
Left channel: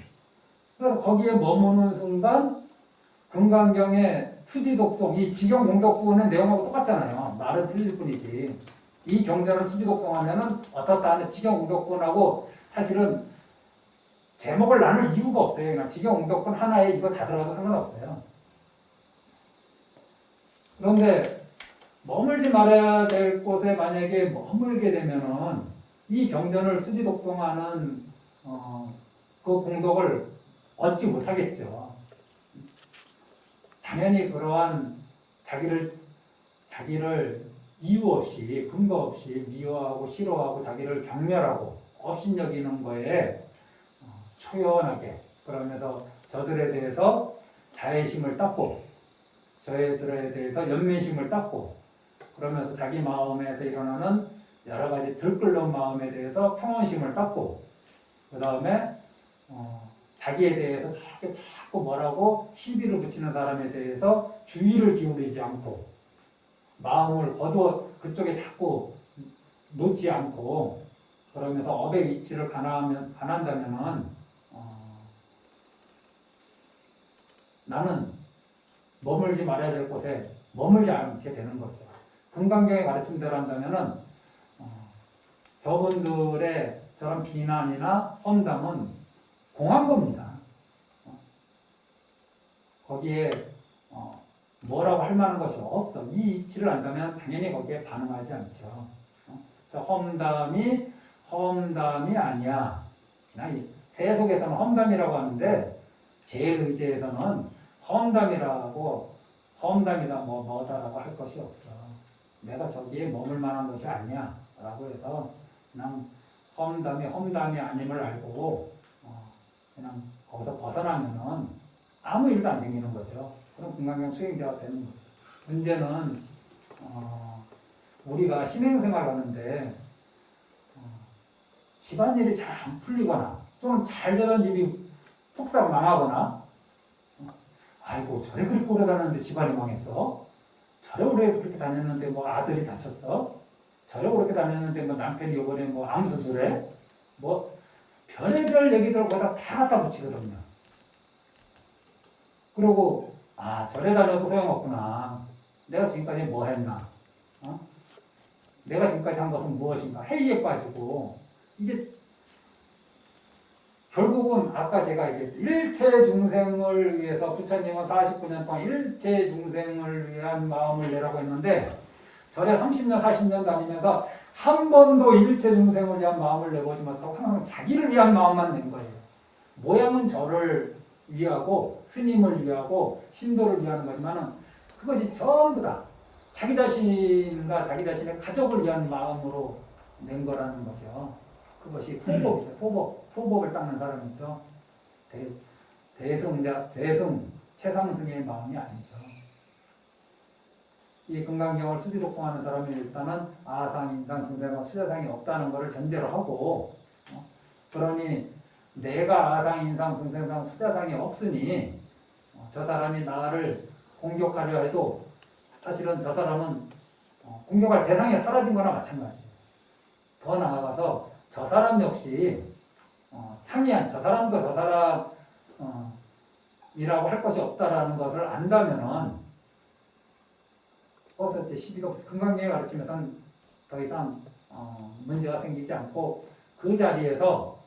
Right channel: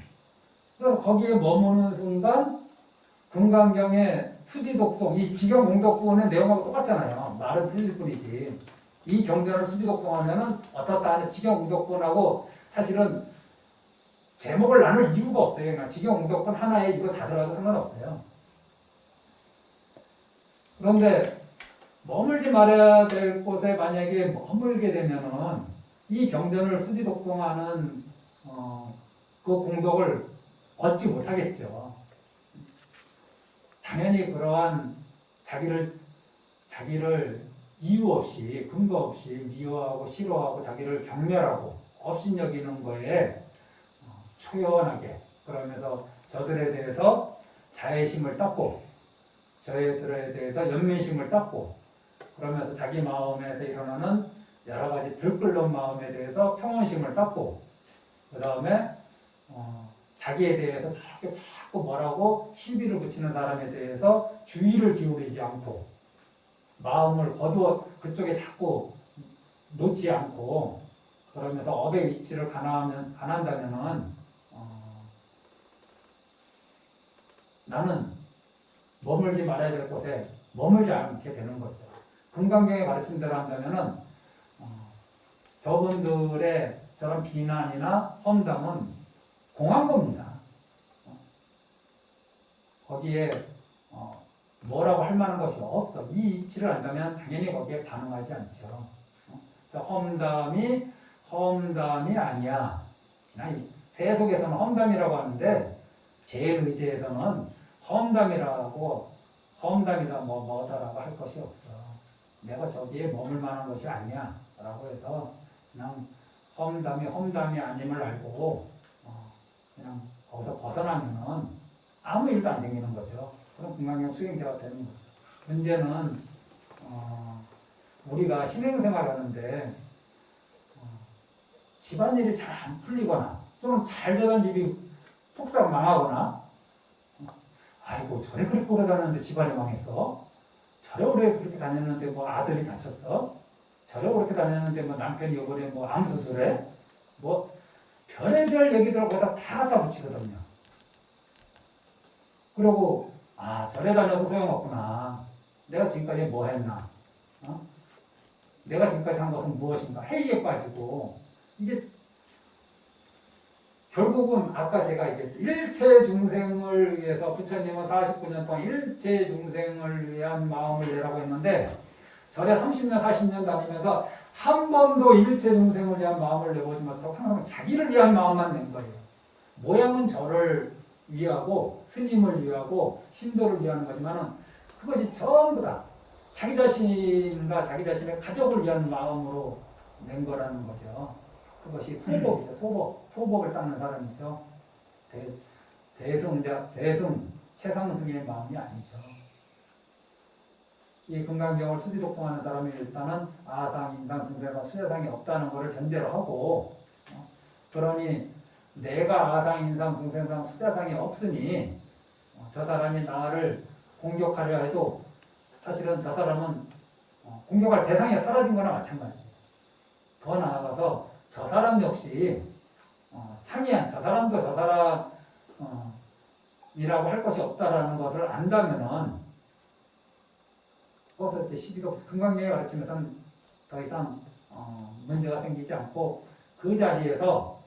그래서 거기에 머무는 순간 금강경의 수지독송, 이 직영공덕구는 내용하고 똑같잖아요. 말은 틀릴 뿐이지. 이 경전을 수지독송하면은 어떻다 하는 직영공덕구하고 사실은 제목을 나눌 이유가 없어요. 그냥 직영공덕군 하나에 이거 다 들어가도 상관없어요. 그런데 머물지 말아야 될 곳에 만약에 머물게 되면은 이 경전을 수지독송하는 그 공덕을 얻지 못하겠죠. 당연히 그러한 자기를 이유 없이 근거 없이 미워하고 싫어하고 자기를 경멸하고 업신여기는 거에 초연하게 그러면서 저들에 대해서 자애심을 닦고 저희들에 대해서 연민심을 닦고 그러면서 자기 마음에서 일어나는 여러 가지 들끓는 마음에 대해서 평온심을 갖고 그 다음에 자기에 대해서 자꾸 뭐라고 시비를 붙이는 사람에 대해서 주의를 기울이지 않고 마음을 거두어 그쪽에 자꾸 놓지 않고 그러면서 업의 위치를 가난다면은 나는 머물지 말아야 될 곳에 머물지 않게 되는 거죠. 금강경의 말씀대로 한다면은 저분들의 저런 비난이나 험담은 공한 겁니다. 거기에 뭐라고 할 만한 것이 없어. 이 이치를 안다면 당연히 거기에 반응하지 않죠. 저 험담이 아니야. 그냥 세속에서는 험담이라고 하는데 제일의지에서는 험담이다 뭐다라고 할 것이 없어. 내가 저기에 머물 만한 것이 아니야 라고 해서 그냥 험담이 아님을 알고 그냥 거기서 벗어나면은 아무 일도 안 생기는 거죠. 그럼 금강경 수행자가 되는 거죠. 문제는 우리가 신행생활 하는데 집안일이 잘 안 풀리거나 좀 잘 되던 집이 푹싹 망하거나 아이고 저래 그렇게 오래 다녔는데 집안이 망했어. 저래 오래 그렇게 다녔는데 뭐 아들이 다쳤어. 저래 오래 다녔는데 뭐 남편이 이번에 뭐 암 수술해. 뭐 별의별 얘기들 거기다 다 갖다 붙이거든요. 그리고 저래 다녀도 소용없구나. 내가 지금까지 뭐 했나. 내가 지금까지 한 것은 무엇인가. 회의에 빠지고 이게 결국은 아까 제가 일체 중생을 위해서 부처님은 49년 동안 일체 중생을 위한 마음을 내라고 했는데 절에 30년 40년 다니면서 한 번도 일체 중생을 위한 마음을 내보지 못하고 항상 자기를 위한 마음만 낸 거예요. 모양은 저를 위하고 스님을 위하고 신도를 위하는 거지만 그것이 전부 다 자기 자신과 자기 자신의 가족을 위한 마음으로 낸 거라는 거죠. 그것이 소법이죠. 소법을 닦는 사람이죠. 대승 최상승의 마음이 아니죠. 이 금강경을 수지독공하는 사람이 일단은 아상, 인상, 중생과 수자상이 없다는 것을 전제로 하고 그러니 내가 아상, 인상, 중생상, 수자상이 없으니 저 사람이 나를 공격하려 해도 사실은 저 사람은 공격할 대상이 사라진 거나 마찬가지예요. 더 나아가서 저 사람 역시 상이한 저 사람도 저 사람이라고 할 것이 없다라는 것을 안다면은 거기서 이제 시비가 금강경에 가르치면서는 더 이상 문제가 생기지 않고 그 자리에서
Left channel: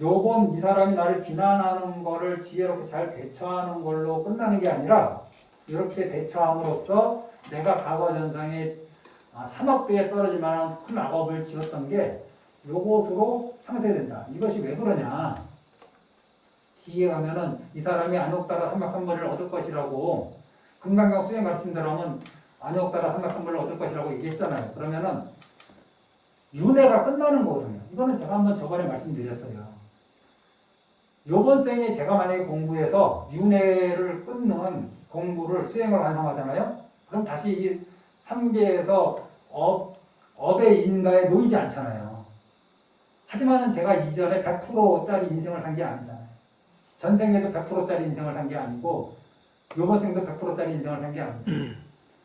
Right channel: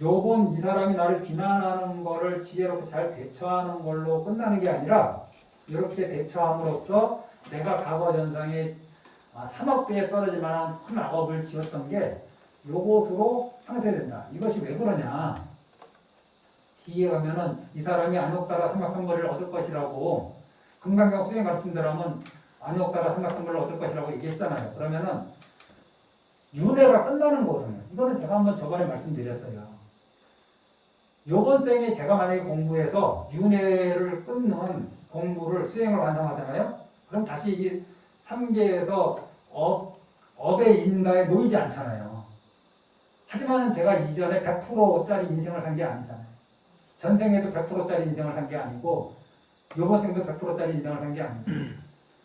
요번 이 사람이 나를 비난하는 거를 지혜롭게 잘 대처하는 걸로 끝나는 게 아니라 이렇게 대처함으로써 내가 과거 전상에 삼억대에 떨어질 만한 큰 악업을 지었던 게 요것으로 상쇄된다. 이것이 왜 그러냐. 뒤에 가면은 이 사람이 안옥따라 삼각삼벌을 얻을 것이라고 금강경 수행 가르친 대로 하면 안옥따라 삼각삼벌을 얻을 것이라고 얘기했잖아요. 그러면은 윤회가 끝나는 거거든요. 이거는 제가 한번 저번에 말씀드렸어요. 요번 생에 제가 만약에 공부해서 윤회를 끊는 공부를 수행을 완성하잖아요. 그럼 다시 이 3계에서 업의 인가에 놓이지 않잖아요. 하지만 제가 이전에 100%짜리 인생을 산 게 아니잖아요. 전생에도 100%짜리 인생을 산 게 아니고 요번 생도 100%짜리 인생을 산 게 아니고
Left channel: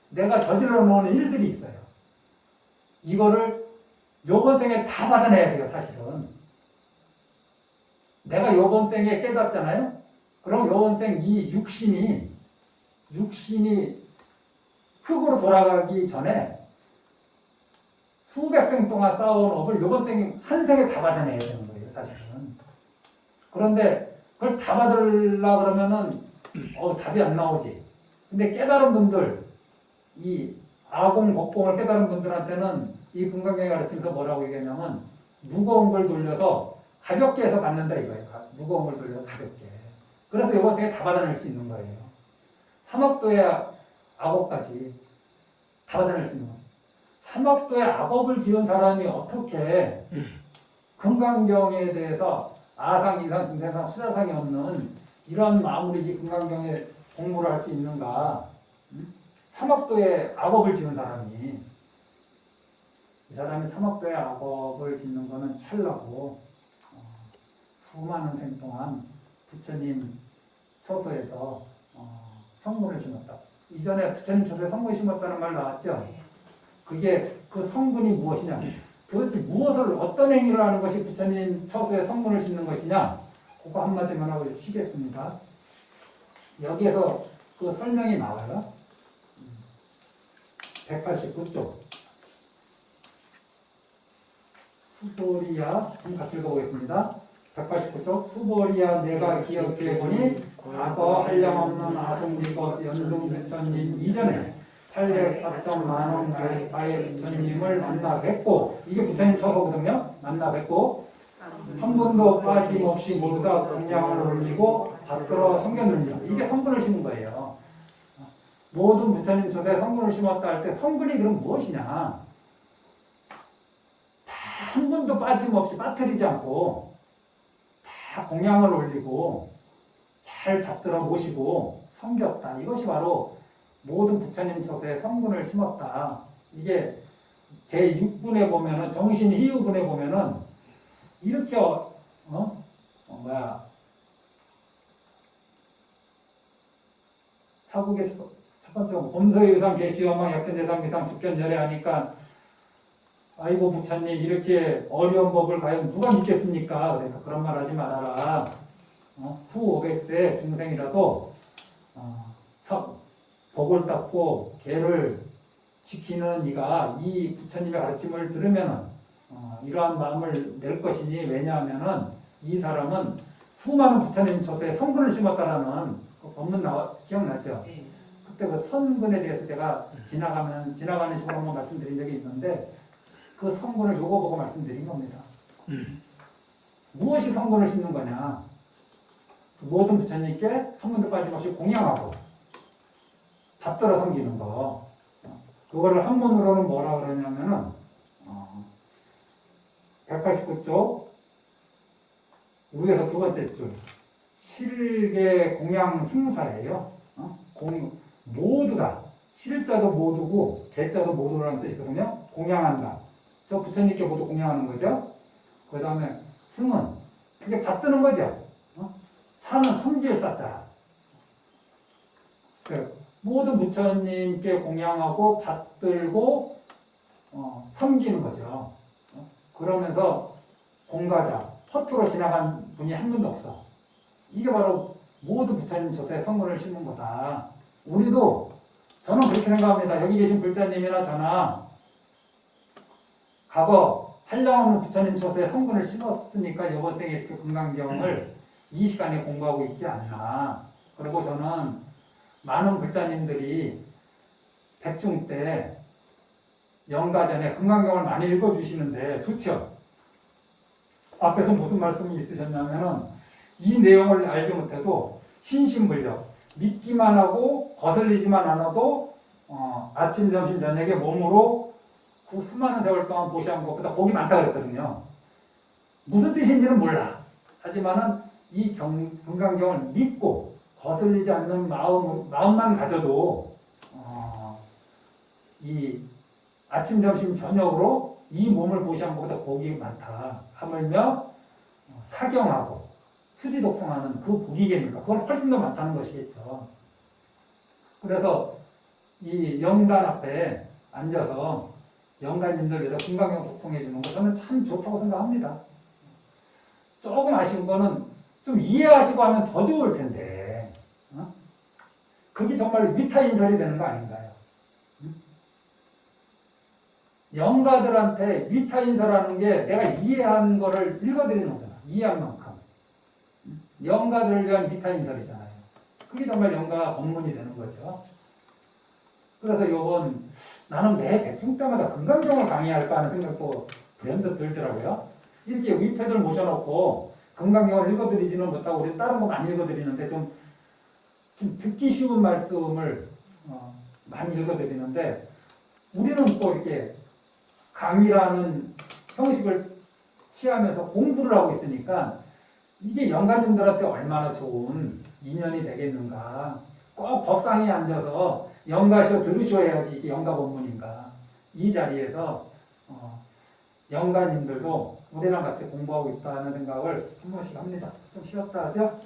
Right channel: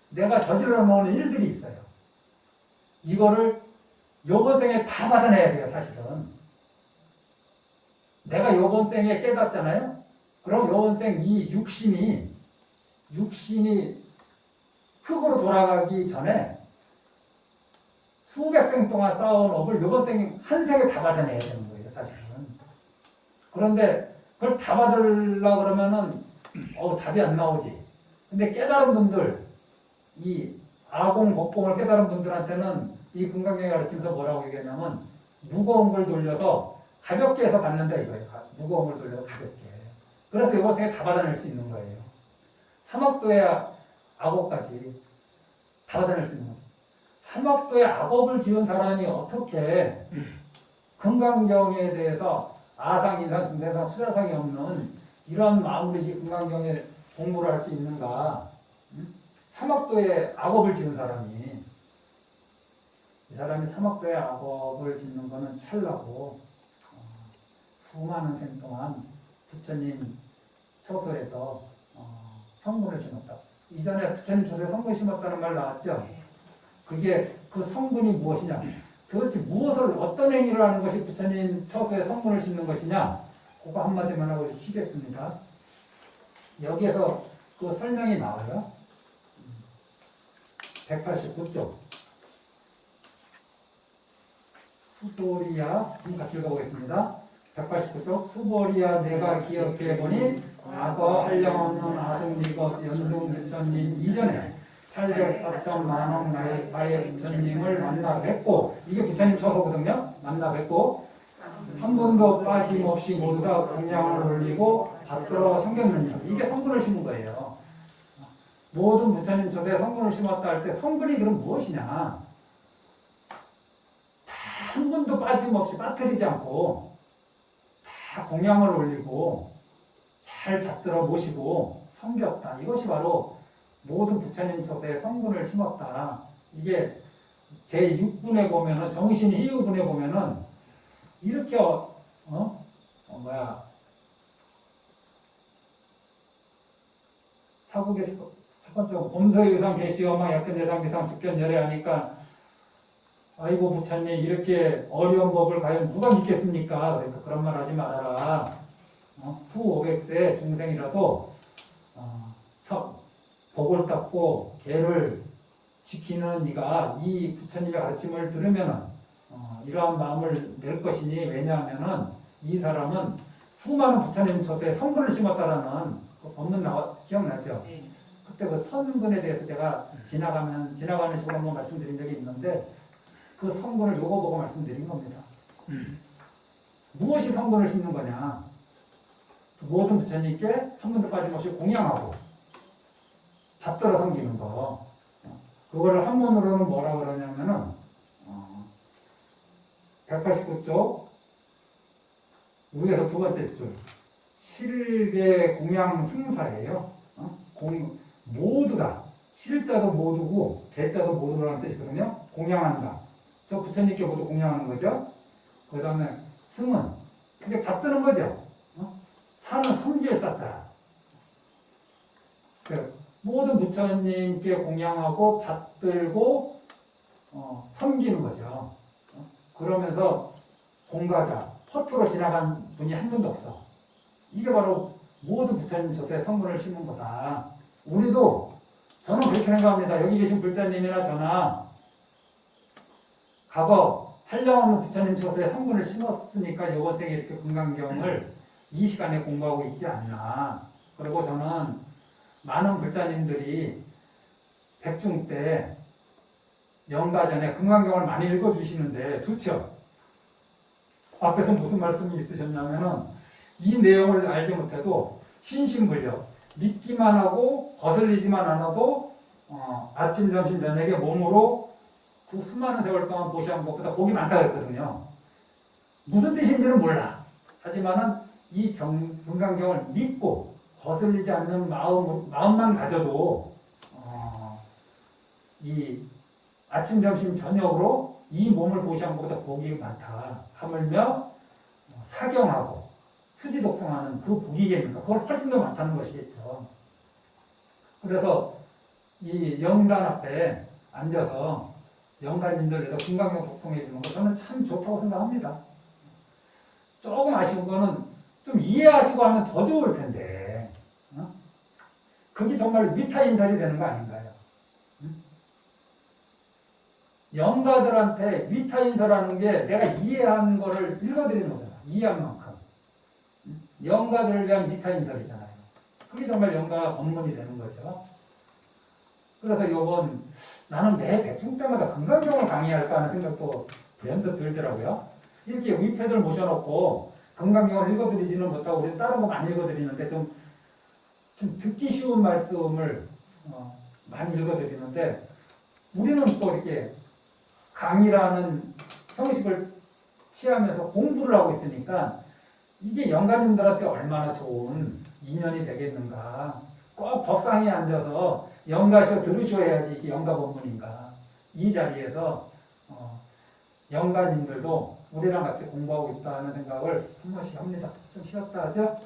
내가 저질러 놓은 일들이 있어요. 이거를 요번 생에 다 받아내야 돼요. 사실은 내가 요번 생에 깨닫잖아요. 그럼 요번 생 이 육신이 흙으로 돌아가기 전에 수백 생 동안 쌓아온 업을 요번 생에 한 생에 다 받아내야 되는 거예요. 사실은. 그런데 그걸 다 받으려고 그러면은 답이 안 나오지. 근데 깨달은 분들, 이 아공, 법공을 깨달은 분들한테는 이 금강경에 가르치면서 뭐라고 얘기하냐면 무거운 걸 돌려서 가볍게 해서 받는다 이거예요. 무거운 걸 돌려서 가볍게. 그래서 이번 생에 다 받아낼 수 있는 거예요. 삼억도의 악업까지 다 받아낼 수 있는 거예요. 삼억도의 악업을 지은 사람이 어떻게 금강경에 대해서 아상, 인상, 중생상, 수자상이 없는 이러한 마음으로 이 금강경에 공부를 할 수 있는가? 삼학도에 악업을 지은 사람이 이 사람이 삼학도에 악업을 짓는 거는 찰나고 수많은 생 동안 부처님 처소에서 성문을 심었다. 이전에 부처님 처소에 성문을 심었다는 말 나왔죠? 그게 그 성분이 무엇이냐? 도대체 무엇을 어떤 행위를 하는 것이 부처님 처소에 성문을 심는 것이냐? 그거 한마디만 하고 쉬겠습니다. 여기에서 그 설명이 나와요. 189쪽. 수보리야, 한번 같이 읽어보겠습니다. 189쪽. 수보리야, 내가 기억해보니 과거 한량없는 아승미법 연등 부처님 이전에 804천 만원 나의 부처님을 만나 뵙고, 이게 부처님 처소거든요. 만나 뵙고 한 번도 빠짐없이 모두 다 공양을 올리고 받들어 섬겼느냐. 이게 성분을 심은 거예요. 모든 부처님 처소에 성분을 심었다 할 때 성분이 그럼 무엇이냐? 다 한 번도 빠짐없이 빠뜨리지 않고 다 공양을 올리고 잘 받들어 모시고 섬겼다. 이것이 바로 모든 부처님 처소에 성분을 심었다. 이게 제6분에 보면은 정신 희유분에 보면은 이렇게 사국의 첫 번째 범서유상 계시어망 약견대상 비상 축견열애 하니까 아이고 부처님 이렇게 어려운 법을 과연 누가 믿겠습니까? 그러니까 그런 말 하지 말아라. 후 500세 중생이라도 복을 닦고 개를 지키는 이가 이 부처님의 가르침을 들으면 이러한 마음을 낼 것이니, 왜냐하면은 이 사람은 수많은 부처님 처소에 성분을 심었다라는 그 법문 기억나죠? 그때 그 성분에 대해서 제가 지나가는 식으로 한번 말씀드린 적이 있는데 그 성분을 요거 보고 말씀드린 겁니다. 무엇이 성분을 심는 거냐? 모든 부처님께 한 번도 빠짐없이 공양하고 받들어 섬기는 거. 그거를 한문으로는 뭐라 그러냐면은 189쪽 위에서 두 번째 줄 실계 공양 승사예요. 모두가 실자도 모두고 개자도 모두라는 뜻이거든요. 공양한다. 저 부처님께 모두 공양하는 거죠. 그 다음에 승은 그게 받드는 거죠. 사는 섬길 사자. 모든 부처님께 공양하고 받들고 섬기는 거죠. 그러면서 공가자, 허투루 지나간 분이 한 분도 없어. 이게 바로 모든 부처님 처소에 성분을 심은 거다. 우리도 저는 그렇게 생각합니다. 여기 계신 불자님이나 저나 과거 한량없는 부처님 처소에 성분을 심었으니까 이번 생에 이렇게 금강경을 이 시간에 공부하고 있지 않나. 그리고 저는 많은 불자님들이 백중 때 영가 전에 금강경을 많이 읽어주시는데 좋죠. 앞에서 무슨 말씀이 있으셨냐면은 이 내용을 알지 못해도 신신불력 믿기만 하고 거슬리지만 않아도 아침, 점심, 저녁에 몸으로 그 수많은 세월 동안 보시한 것보다 복이 많다 그랬거든요. 무슨 뜻인지는 몰라. 하지만은 이 금강경을 믿고 거슬리지 않는 마음만 가져도 이 아침, 점심, 저녁으로 이 몸을 보시한 것보다 복이 많다. 하물며 사경하고 수지독성하는 그 복이겠습니까? 그건 훨씬 더 많다는 것이겠죠. 그래서 이 영단 앞에 앉아서 영단님들에서 금강경 독성해 주는 거 저는 참 좋다고 생각합니다. 조금 아쉬운 거는 좀 이해하시고 하면 더 좋을 텐데 그게 정말 위타인설이 되는 거 아닌가요? 영가들한테 위타인설하는 게 내가 이해한 거를 읽어드리는 거잖아. 이해한 만큼. 영가들을 위한 위타인설이잖아요. 그게 정말 영가 법문이 되는 거죠. 그래서 이번 나는 매 백중 때마다 금강경을 강의할까 하는 생각도 면도 들더라고요. 이렇게 위패들 모셔놓고 금강경을 읽어드리지는 못하고 우리 다른 거 많이 읽어드리는데 좀 듣기 쉬운 말씀을 많이 읽어드리는데 우리는 또 이렇게 강의라는 형식을 취하면서 공부를 하고 있으니까 이게 영가님들한테 얼마나 좋은 인연이 되겠는가. 꼭 법상에 앉아서 영가셔 들으셔야지 이게 영가 본문인가. 이 자리에서 영가님들도 우리랑 같이 공부하고 있다는 생각을 한 번씩 합니다. 좀 쉬었다 하죠?